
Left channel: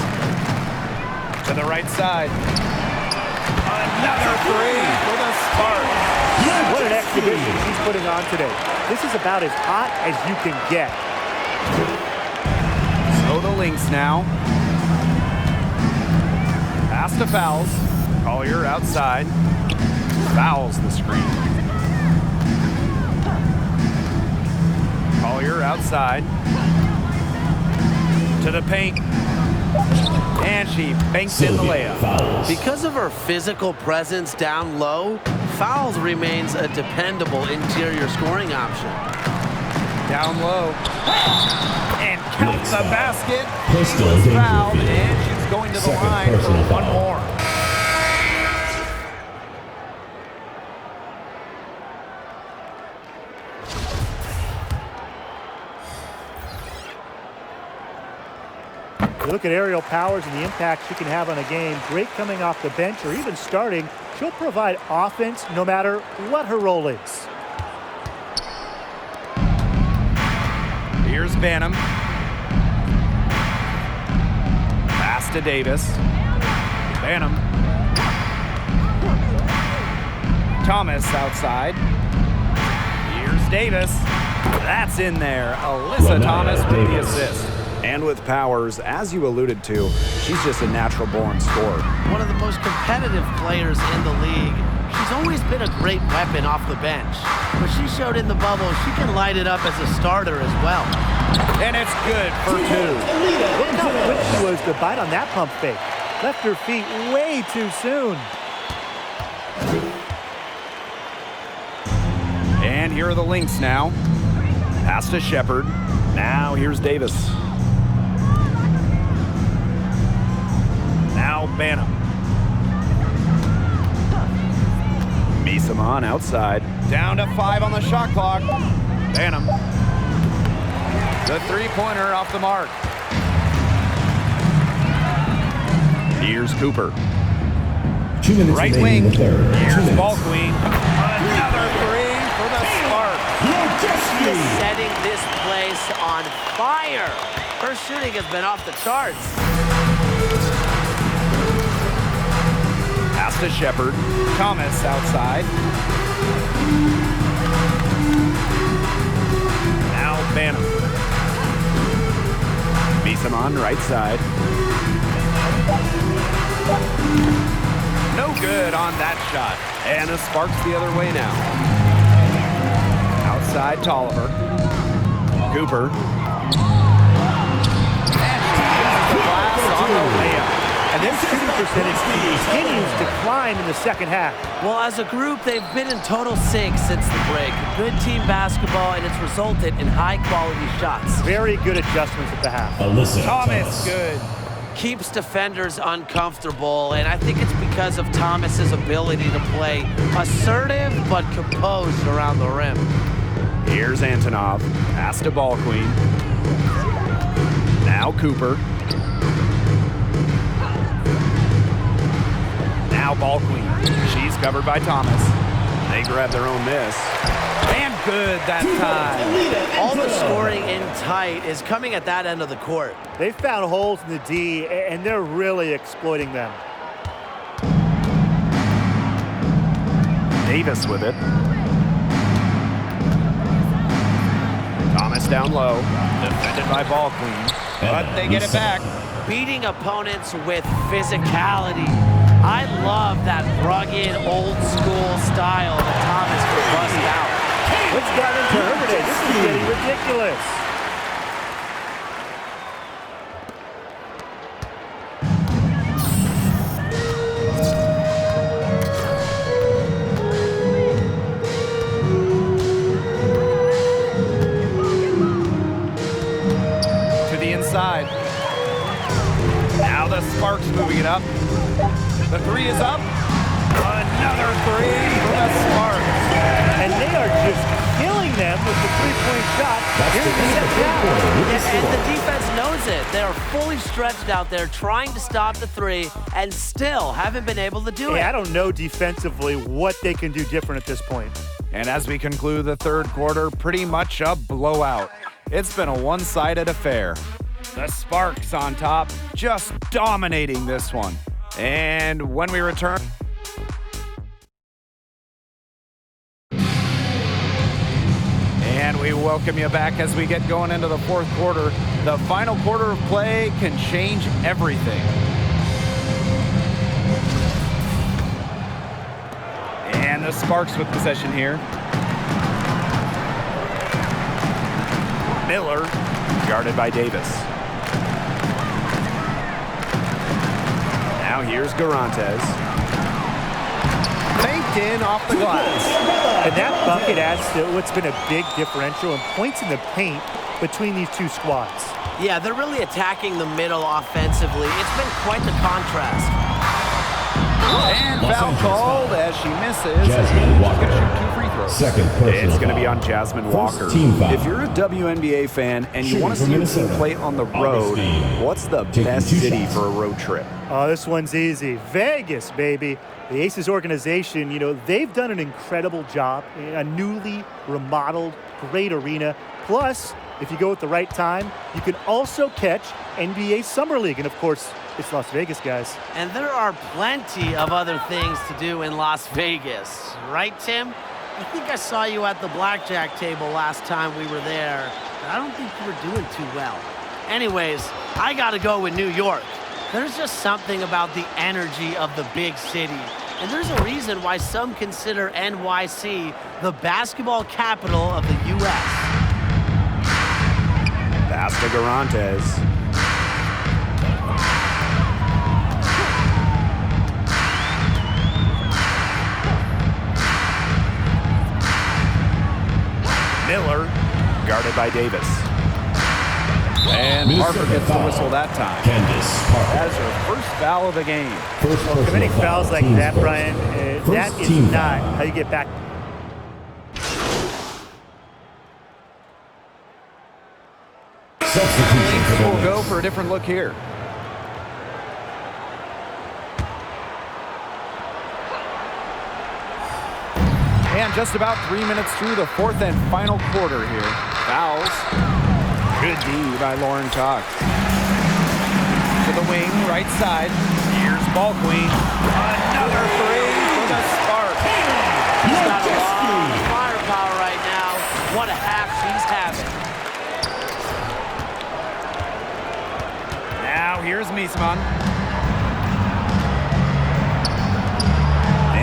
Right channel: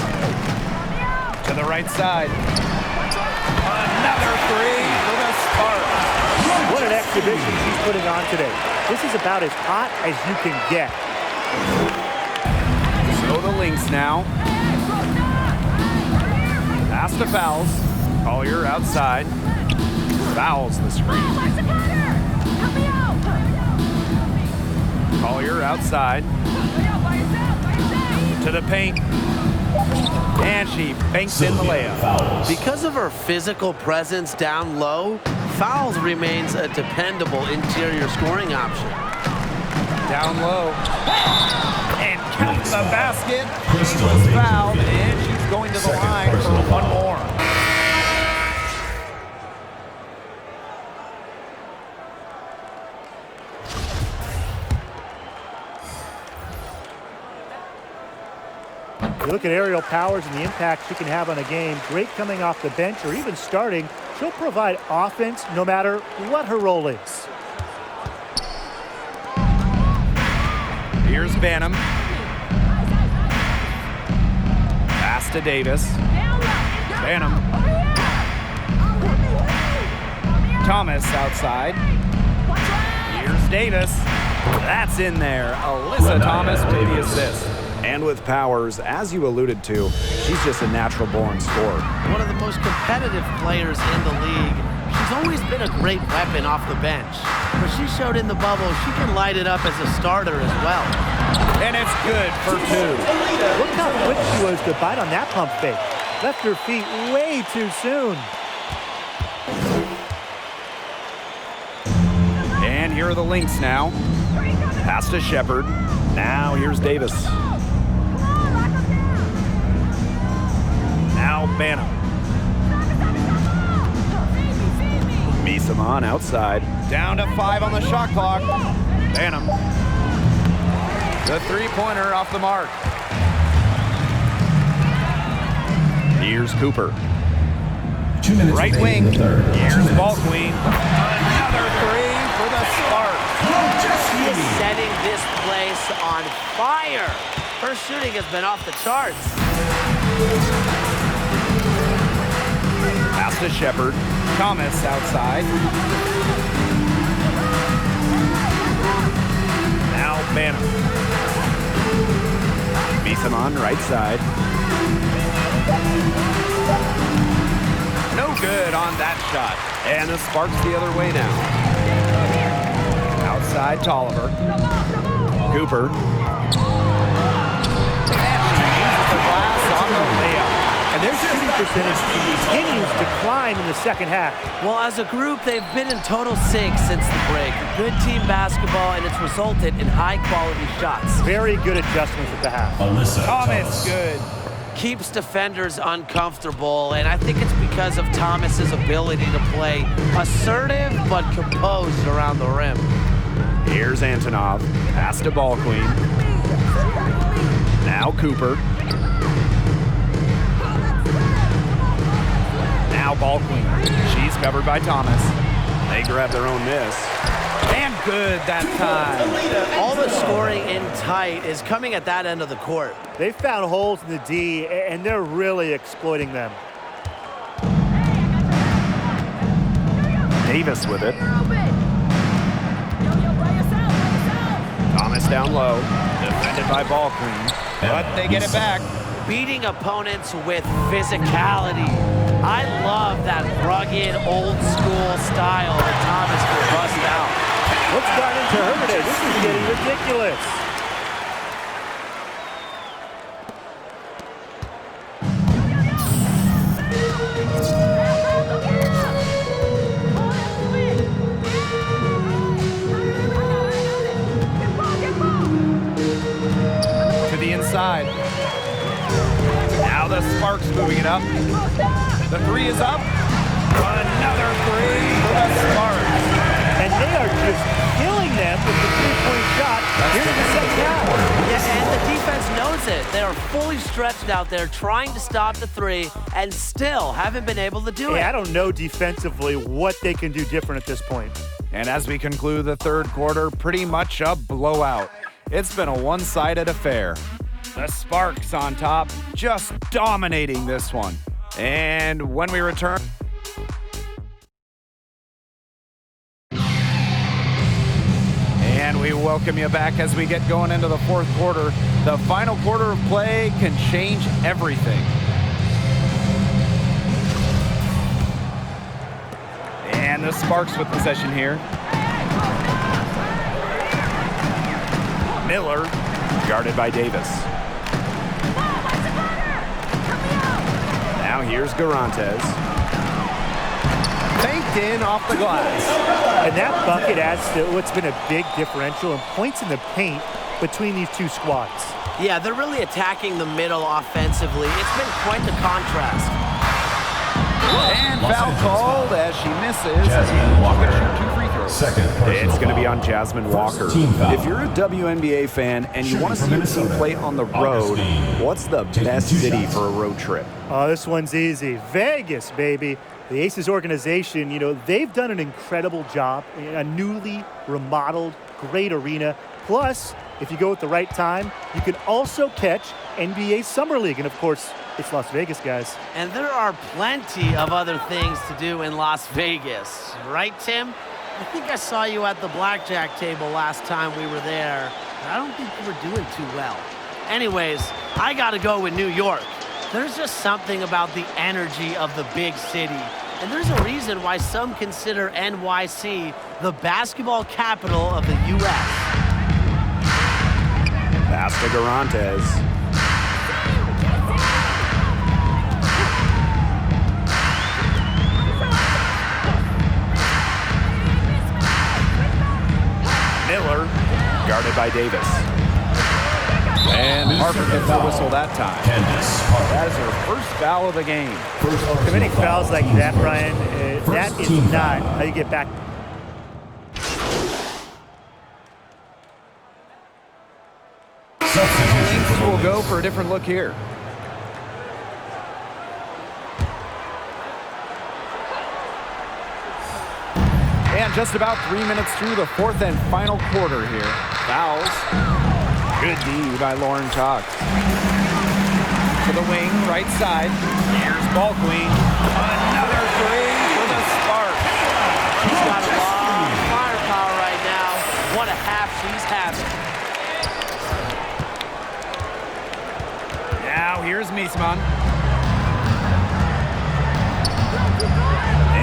To the right side. Another 3 for the Sparks. What an exhibition she's putting on today. This is about as hot as you can get. So the Lynx now. Pass to Fouls. Collier outside. Fouls the screen. Collier outside. To the paint. And she banks in the layup. Fouls. Because of her physical presence down low, Fouls remains a dependable interior scoring option. Down low. And counts the basket. She Crystal was Dangerfield. fouled, and she's going to the Second line for personal one foul. more. You look at aerial powers and the impact she can have on a game. Great coming off the bench or even starting. She'll provide offense no matter what her role is. Here's Banham. Pass to Davis. Banham. Thomas outside. Here's Davis. That's in there. Alyssa Thomas with the assist. And with Powers, as you alluded to, she's just a natural-born scorer. One of the most competitive players in the league. She's always been a great weapon off the bench. But she showed in the bubble she can light it up as a starter as well. And it's good for 2. Look how quick she was to bite on that pump fake. Left her feet way too soon. And here are the Lynx now. Pass to Shepard. Now here's Davis. Now Banham. Misamon outside. Down to 5 on the shot clock. Banham. The three-pointer off the mark. Here's Cooper. 2 minutes Right remaining in wing. the third. 2 Here's minutes. Ball Queen. Another 3 for the Sparks. She is setting this place on fire. Her shooting has been off the charts. Pass to Shepard. Thomas outside. Now Banham. Misamon right side. No good on that shot. And the Sparks the other way now. Outside Tolliver. Cooper. And she uses the glass on the layup. And their shooting percentage continues to climb in the second half. Well, as a group, they've been in total sync since the break. Good team basketball, and it's resulted in high-quality shots. Very good adjustments at the half. Alyssa Thomas, good. Keeps defenders uncomfortable, and I think it's because of Thomas's ability to play assertive but composed around the rim. Here's Antonov. Pass to Ball Queen. Now Cooper. Now Ball Queen. She's covered by Thomas. They grab their own miss. And good that time. All the scoring in tight is coming at that end of the court. They found holes in the D, and they're really exploiting them. Davis with it. Thomas down low. Defended by Ball Queen. But they get it back. Beating opponents with physicality. I love that rugged, old-school style that Thomas can bust out. What's gotten into her today? This is getting ridiculous. To the inside. Now the Sparks moving it up. The 3 is up. Another 3 for the Sparks. And they are just killing them with the three-point shot here in the second half. Yeah, and the defense knows it. They are fully stretched out there trying to stop the three and still haven't been able to do it. I don't know defensively what they can do different at this point. And as we conclude the third quarter, pretty much a blowout. It's been a one-sided affair. The Sparks on top, just dominating this one. And when we return... And we welcome you back as we get going into the fourth quarter. The final quarter of play can change everything. And the Sparks with possession here. Miller, guarded by Davis. Now here's Garantes. Faked in off the glass. And that bucket adds to what's been a big differential in points in the paint between these two squads. Yeah, they're really attacking the middle offensively. It's been quite the contrast. And foul called as she misses. And she's going to shoot 2 free throws. It's going to be on Jasmine Walker. If you're a WNBA fan and you want to see your team play on the road, what's the best city for a road trip? Oh, this one's easy. Vegas, baby. The Aces organization, you know, they've done an incredible job in a newly remodeled, great arena. Plus, if you go at the right time, you can also catch NBA Summer League. And, of course, it's Las Vegas, guys. And there are plenty of other things to do in Las Vegas. Right, Tim? I think I saw you at the blackjack table last time we were there, but I don't think you were doing too well. Anyways, I got to go with New York. There's just something about the energy of the big city. And there's a reason why some consider NYC the basketball capital of the U.S. Pass to Garantes. Miller, guarded by Davis. And Parker gets the whistle that time. That is her first foul of the game. Committing fouls like that, Brian, that is not how you get back. Lynx will go for a different look here. And just about 3 minutes through the fourth and final quarter here. Fouls. Good D by Lauren Cox. To the wing, right side. Here's Ball Queen. Another three for the Sparks. She's got a lot of firepower right now. What a half she's having. Now here's Miesman.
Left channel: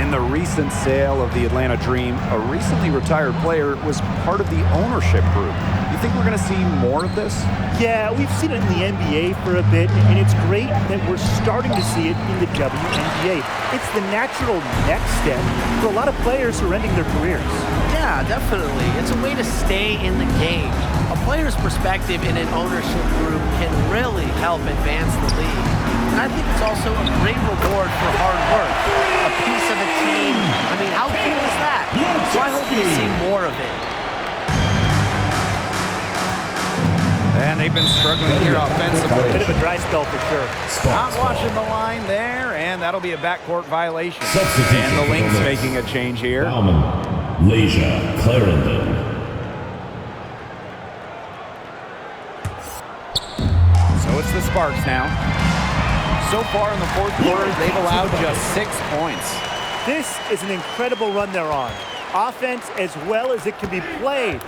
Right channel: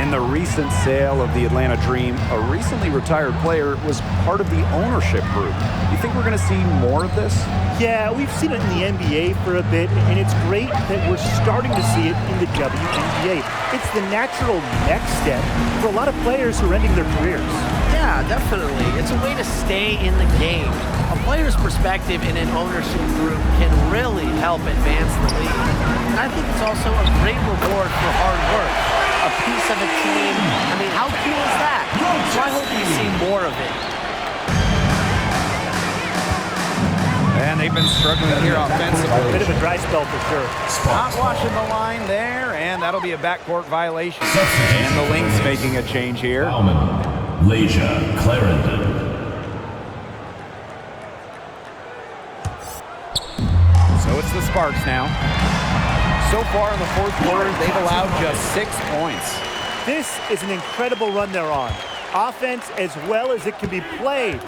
In the recent sale of the Atlanta Dream, a recently retired player was part of the ownership group. You think we're going to see more of this? Yeah, we've seen it in the NBA for a bit, and it's great that we're starting to see it in the WNBA. It's the natural next step for a lot of players who are ending their careers. Yeah, definitely. It's a way to stay in the game. A player's perspective in an ownership group can really help advance the league. And I think it's also a great reward for hard work. A piece of a team. I mean, how cool is that? So I hope we see more of it. And they've been struggling here offensively. Bit of a dry spell for sure. Not watching the line there, and that'll be a backcourt violation. And the Lynx making a change here. Leisha Clarendon. So it's the Sparks now. So far in the fourth quarter, they've allowed just 6 points. This is an incredible run they're on. Offense as well as it can be played.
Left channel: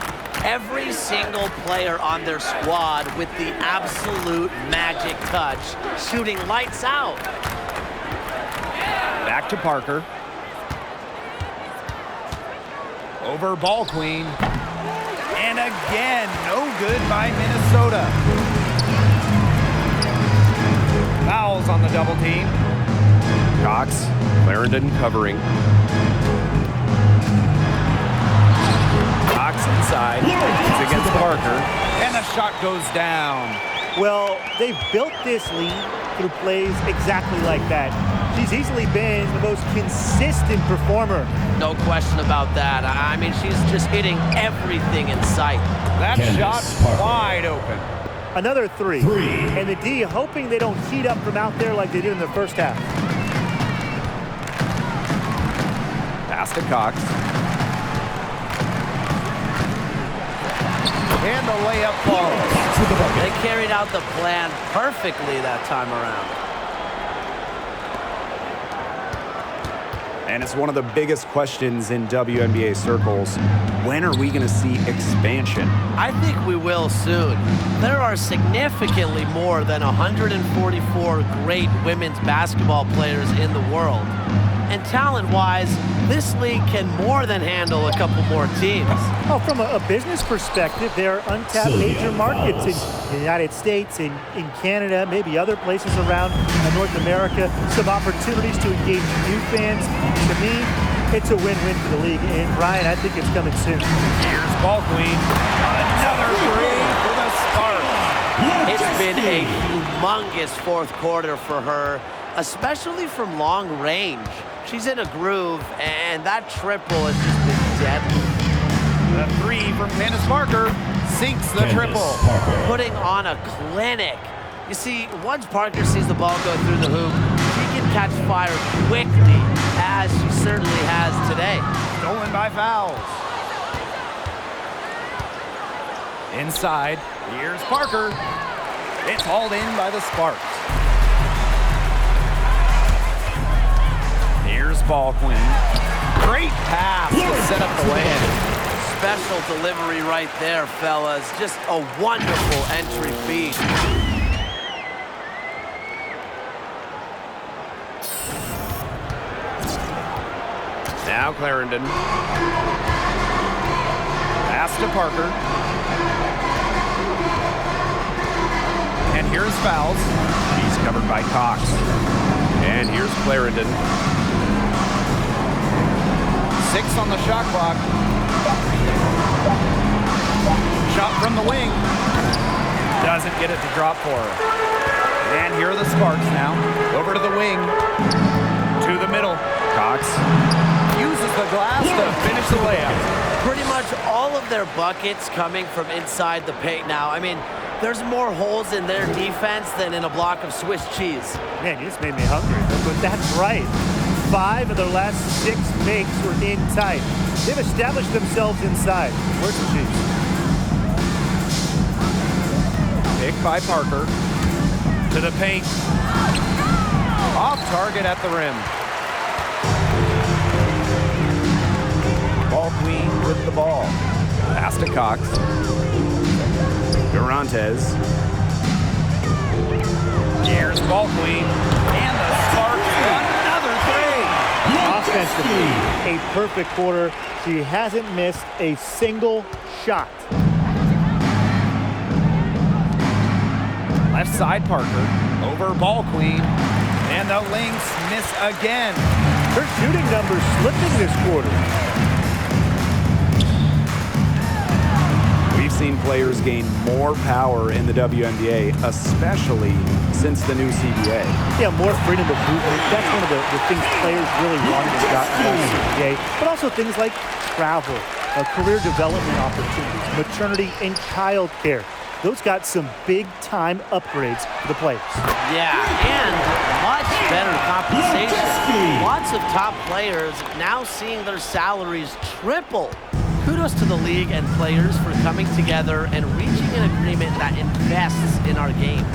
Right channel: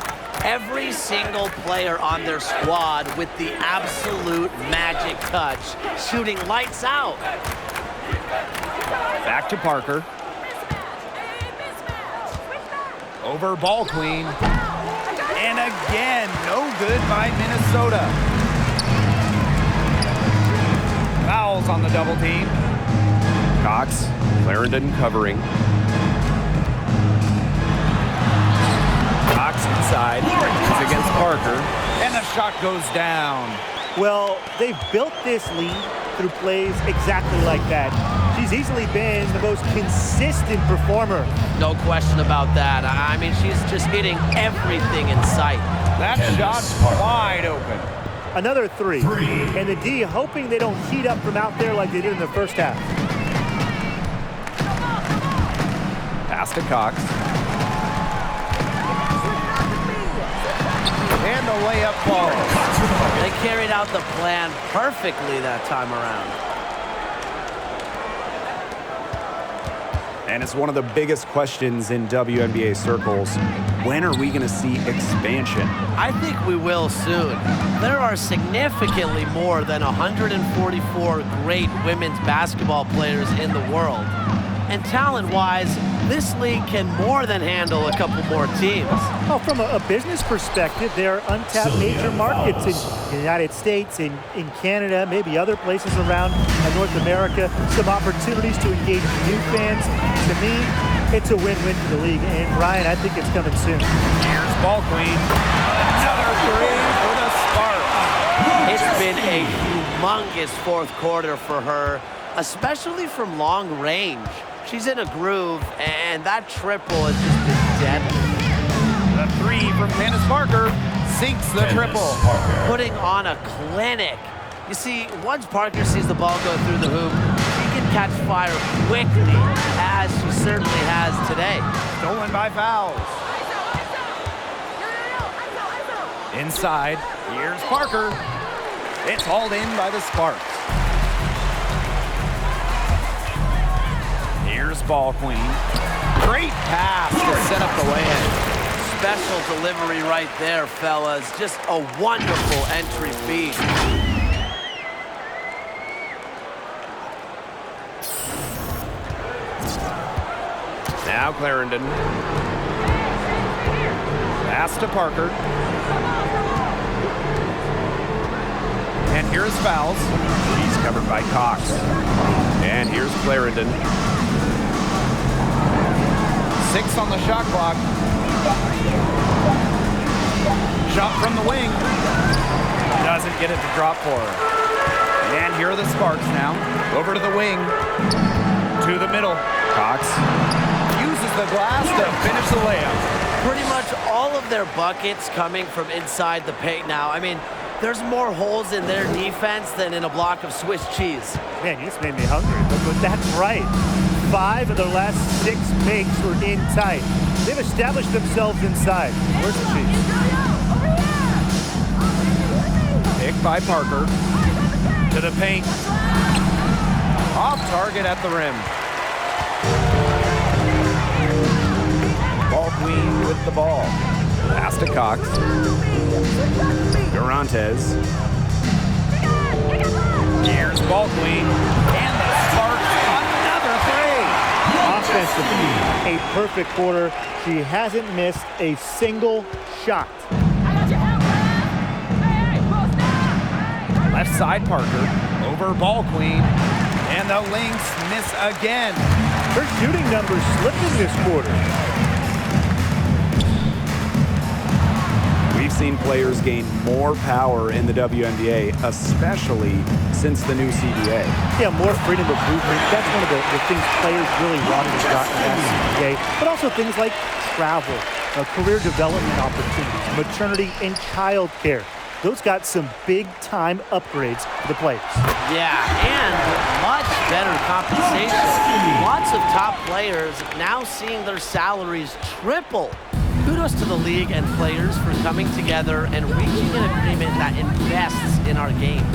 Every single player on their squad with the absolute magic touch, shooting lights out. Back to Parker. Over Ball Queen. And again, no good by Minnesota. Fouls on the double team. Cox, Clarendon covering. Cox inside. He's against Parker. And the shot goes down. Well, they've built this lead through plays exactly like that. She's easily been the most consistent performer. No question about that. I mean, she's just hitting everything in sight. That shot's wide open. Another three. And the D hoping they don't heat up from out there like they did in the first half. Pass to Cox. And the layup follows. They carried out the plan perfectly that time around. And it's one of the biggest questions in WNBA circles. When are we going to see expansion? I think we will soon. There are significantly more than 144 great women's basketball players in the world. And talent-wise, this league can more than handle a couple more teams. Oh, from a business perspective, there are untapped major markets in the United States, in Canada, maybe other places around North America. Some opportunities to engage new fans. To me, it's a win-win for the league. And, Ryan, I think it's coming soon. Here's Ball Queen. Another three for the Sparks. It's been a humongous fourth quarter for her, especially from long range. She's in a groove, and that triple has just been deadly. The three from Candace Parker sinks the triple. Putting on a clinic. You see, once Parker sees the ball go through the hoop, she can catch fire quickly, as she certainly has today. Stolen by fouls. Inside, here's Parker. It's hauled in by the Sparks. Here's Ball Queen. Great pass to set up the land. Special delivery right there, fellas. Just a wonderful entry feed. Now Clarendon. Pass to Parker. And here's fouls. She's covered by Cox. And here's Clarendon. 6 on the shot clock. Shot from the wing. Doesn't get it to drop for her. And here are the Sparks now. Over to the wing. To the middle. Cox uses the glass to finish the layup. Pretty much all of their buckets coming from inside the paint now. I mean, there's more holes in their defense than in a block of Swiss cheese. Man, you just made me hungry, but that's right. 5 of their last 6 makes were in tight. They've established themselves inside. Where's the cheese? Picked by Parker. To the paint. Off target at the rim. Ball Queen with the ball. Pass to Cox. Durantes. Here's Ball Queen. And the Sparks, another three. Offensively, a perfect quarter. She hasn't missed a single shot. Left side Parker. Over Ball Queen. And the Lynx miss again. Her shooting numbers slipping this quarter. We've seen players gain more power in the WNBA, especially since the new CBA. Yeah, more freedom of movement. That's one of the things players really wanted and got in that CBA. But also things like travel, career development opportunities, maternity and child care. Those got some big-time upgrades for the players. Yeah, and much better compensation. Lots of top players now seeing their salaries triple. Kudos to the league and players for coming together and reaching an agreement that invests in our game.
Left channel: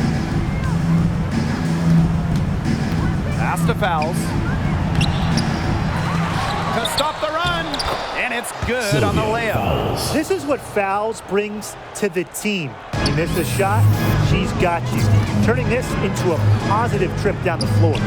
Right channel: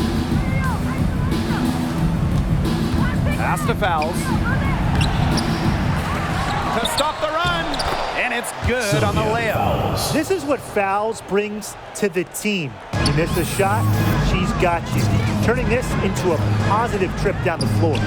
Pass to fouls. To stop the run. And it's good on the layup. This is what fouls brings to the team. You miss a shot, she's got you. Turning this into a positive trip down the floor.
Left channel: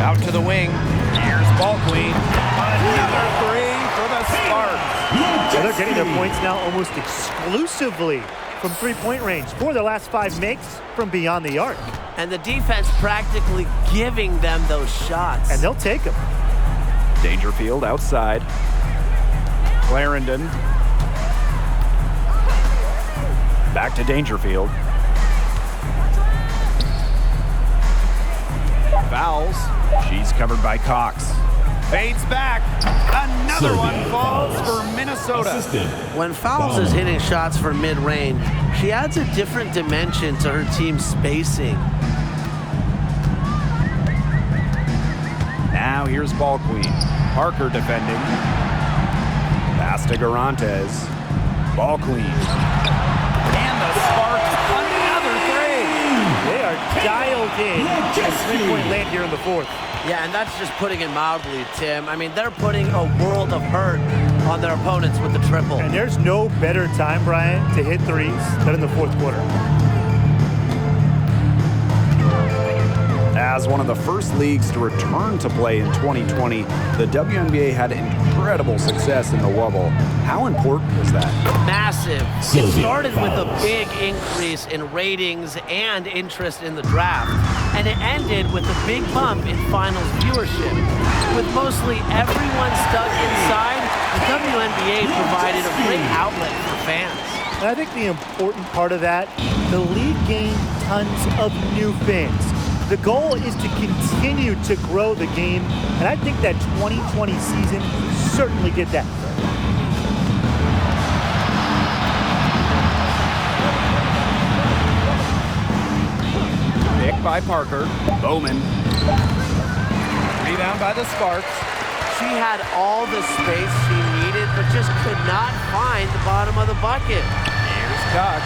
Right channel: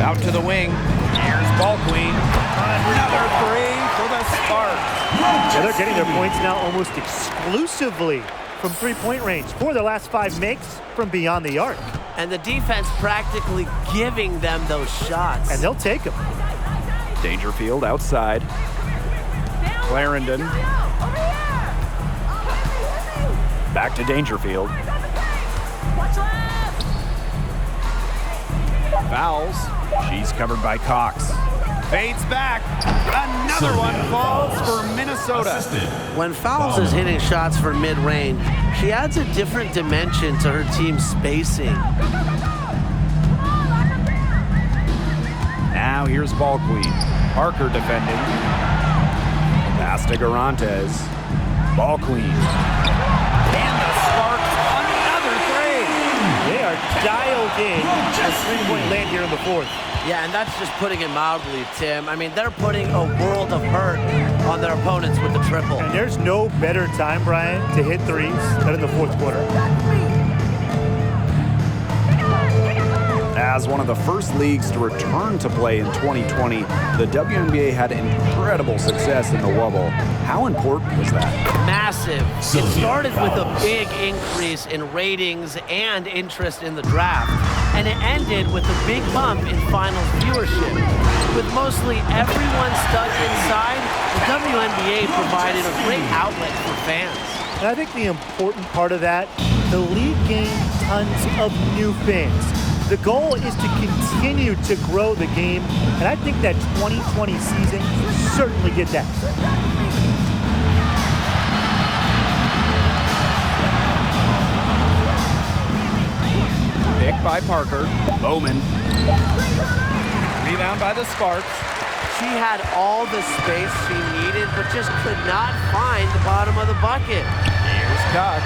Out to the wing. Here's Ball Queen. Another three for the Sparks. Well, they're getting their points now almost exclusively from three-point range. 4 of their last 5 makes from beyond the arc. And the defense practically giving them those shots. And they'll take them. Dangerfield outside. Clarendon. Back to Dangerfield. fouls. She's covered by Cox. Fades back. Another one falls for Minnesota. Assisted. When Fowles is hitting shots from mid-range, she adds a different dimension to her team's spacing. Now here's ball queen. Parker defending. Pass to Garantes. Ball queen. And the Sparks, another three. They are dialed in for three-point land here in the fourth. Yeah, and that's just putting it mildly, Tim. I mean, they're putting a world of hurt on their opponents with the triple. And there's no better time, Brian, to hit threes than in the fourth quarter. As one of the first leagues to return to play in 2020, the WNBA had incredible success in the Wubble. How important was that? Massive. It started with a big increase in ratings and interest in the draft, and it ended with a big bump in finals viewership. With mostly everyone stuck inside, the WNBA provided a great outlet for fans. And I think the important part of that, the league gained tons of new fans. The goal is to continue to grow the game, and I think that 2020 season certainly did that. Pick by Parker. Bowman. Rebound by the Sparks. She had all the space she needed, but just could not find the bottom of the bucket. Here's Cox.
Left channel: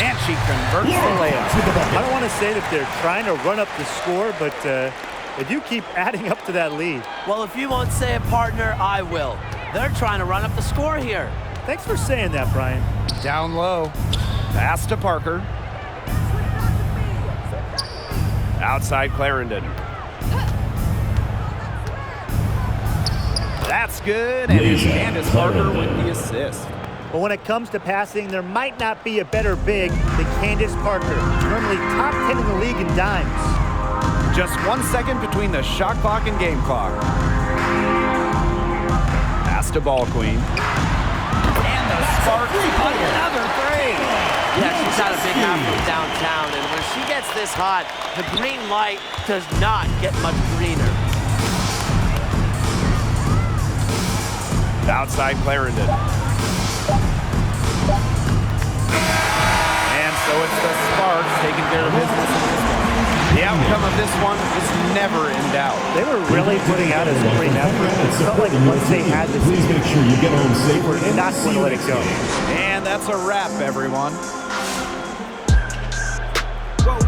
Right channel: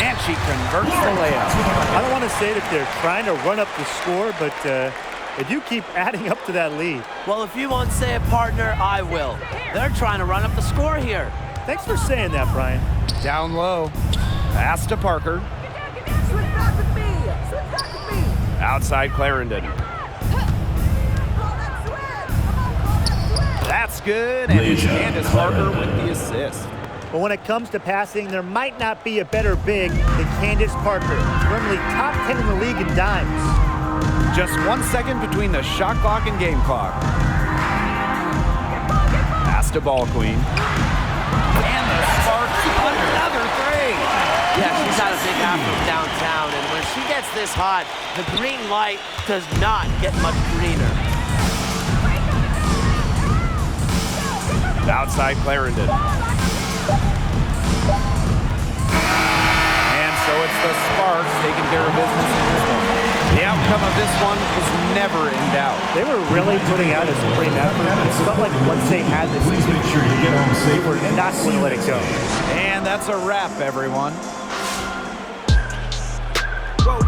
And she converts the layup. I don't want to say that they're trying to run up the score, but they do keep adding up to that lead. Well, if you won't say it, partner, I will. They're trying to run up the score here. Thanks for saying that, Brian. Down low. Pass to Parker. Outside Clarendon. That's good, and it's Candace Parker with the assist. But when it comes to passing, there might not be a better big than Candace Parker, normally top 10 in the league in dimes. Just 1 second between the shot clock and game clock. Pass to ball queen. And the Sparks, another three. Yeah, she's had a big half from downtown, and when she gets this hot, the green light does not get much greener. Outside Clarendon. And so it's the Sparks taking care of business in this one. The outcome of this one was never in doubt. They were really putting out a supreme effort. It felt like once they had this, Please make sure you get home safe. they were not going to let it go. And that's a wrap, everyone. Whoa.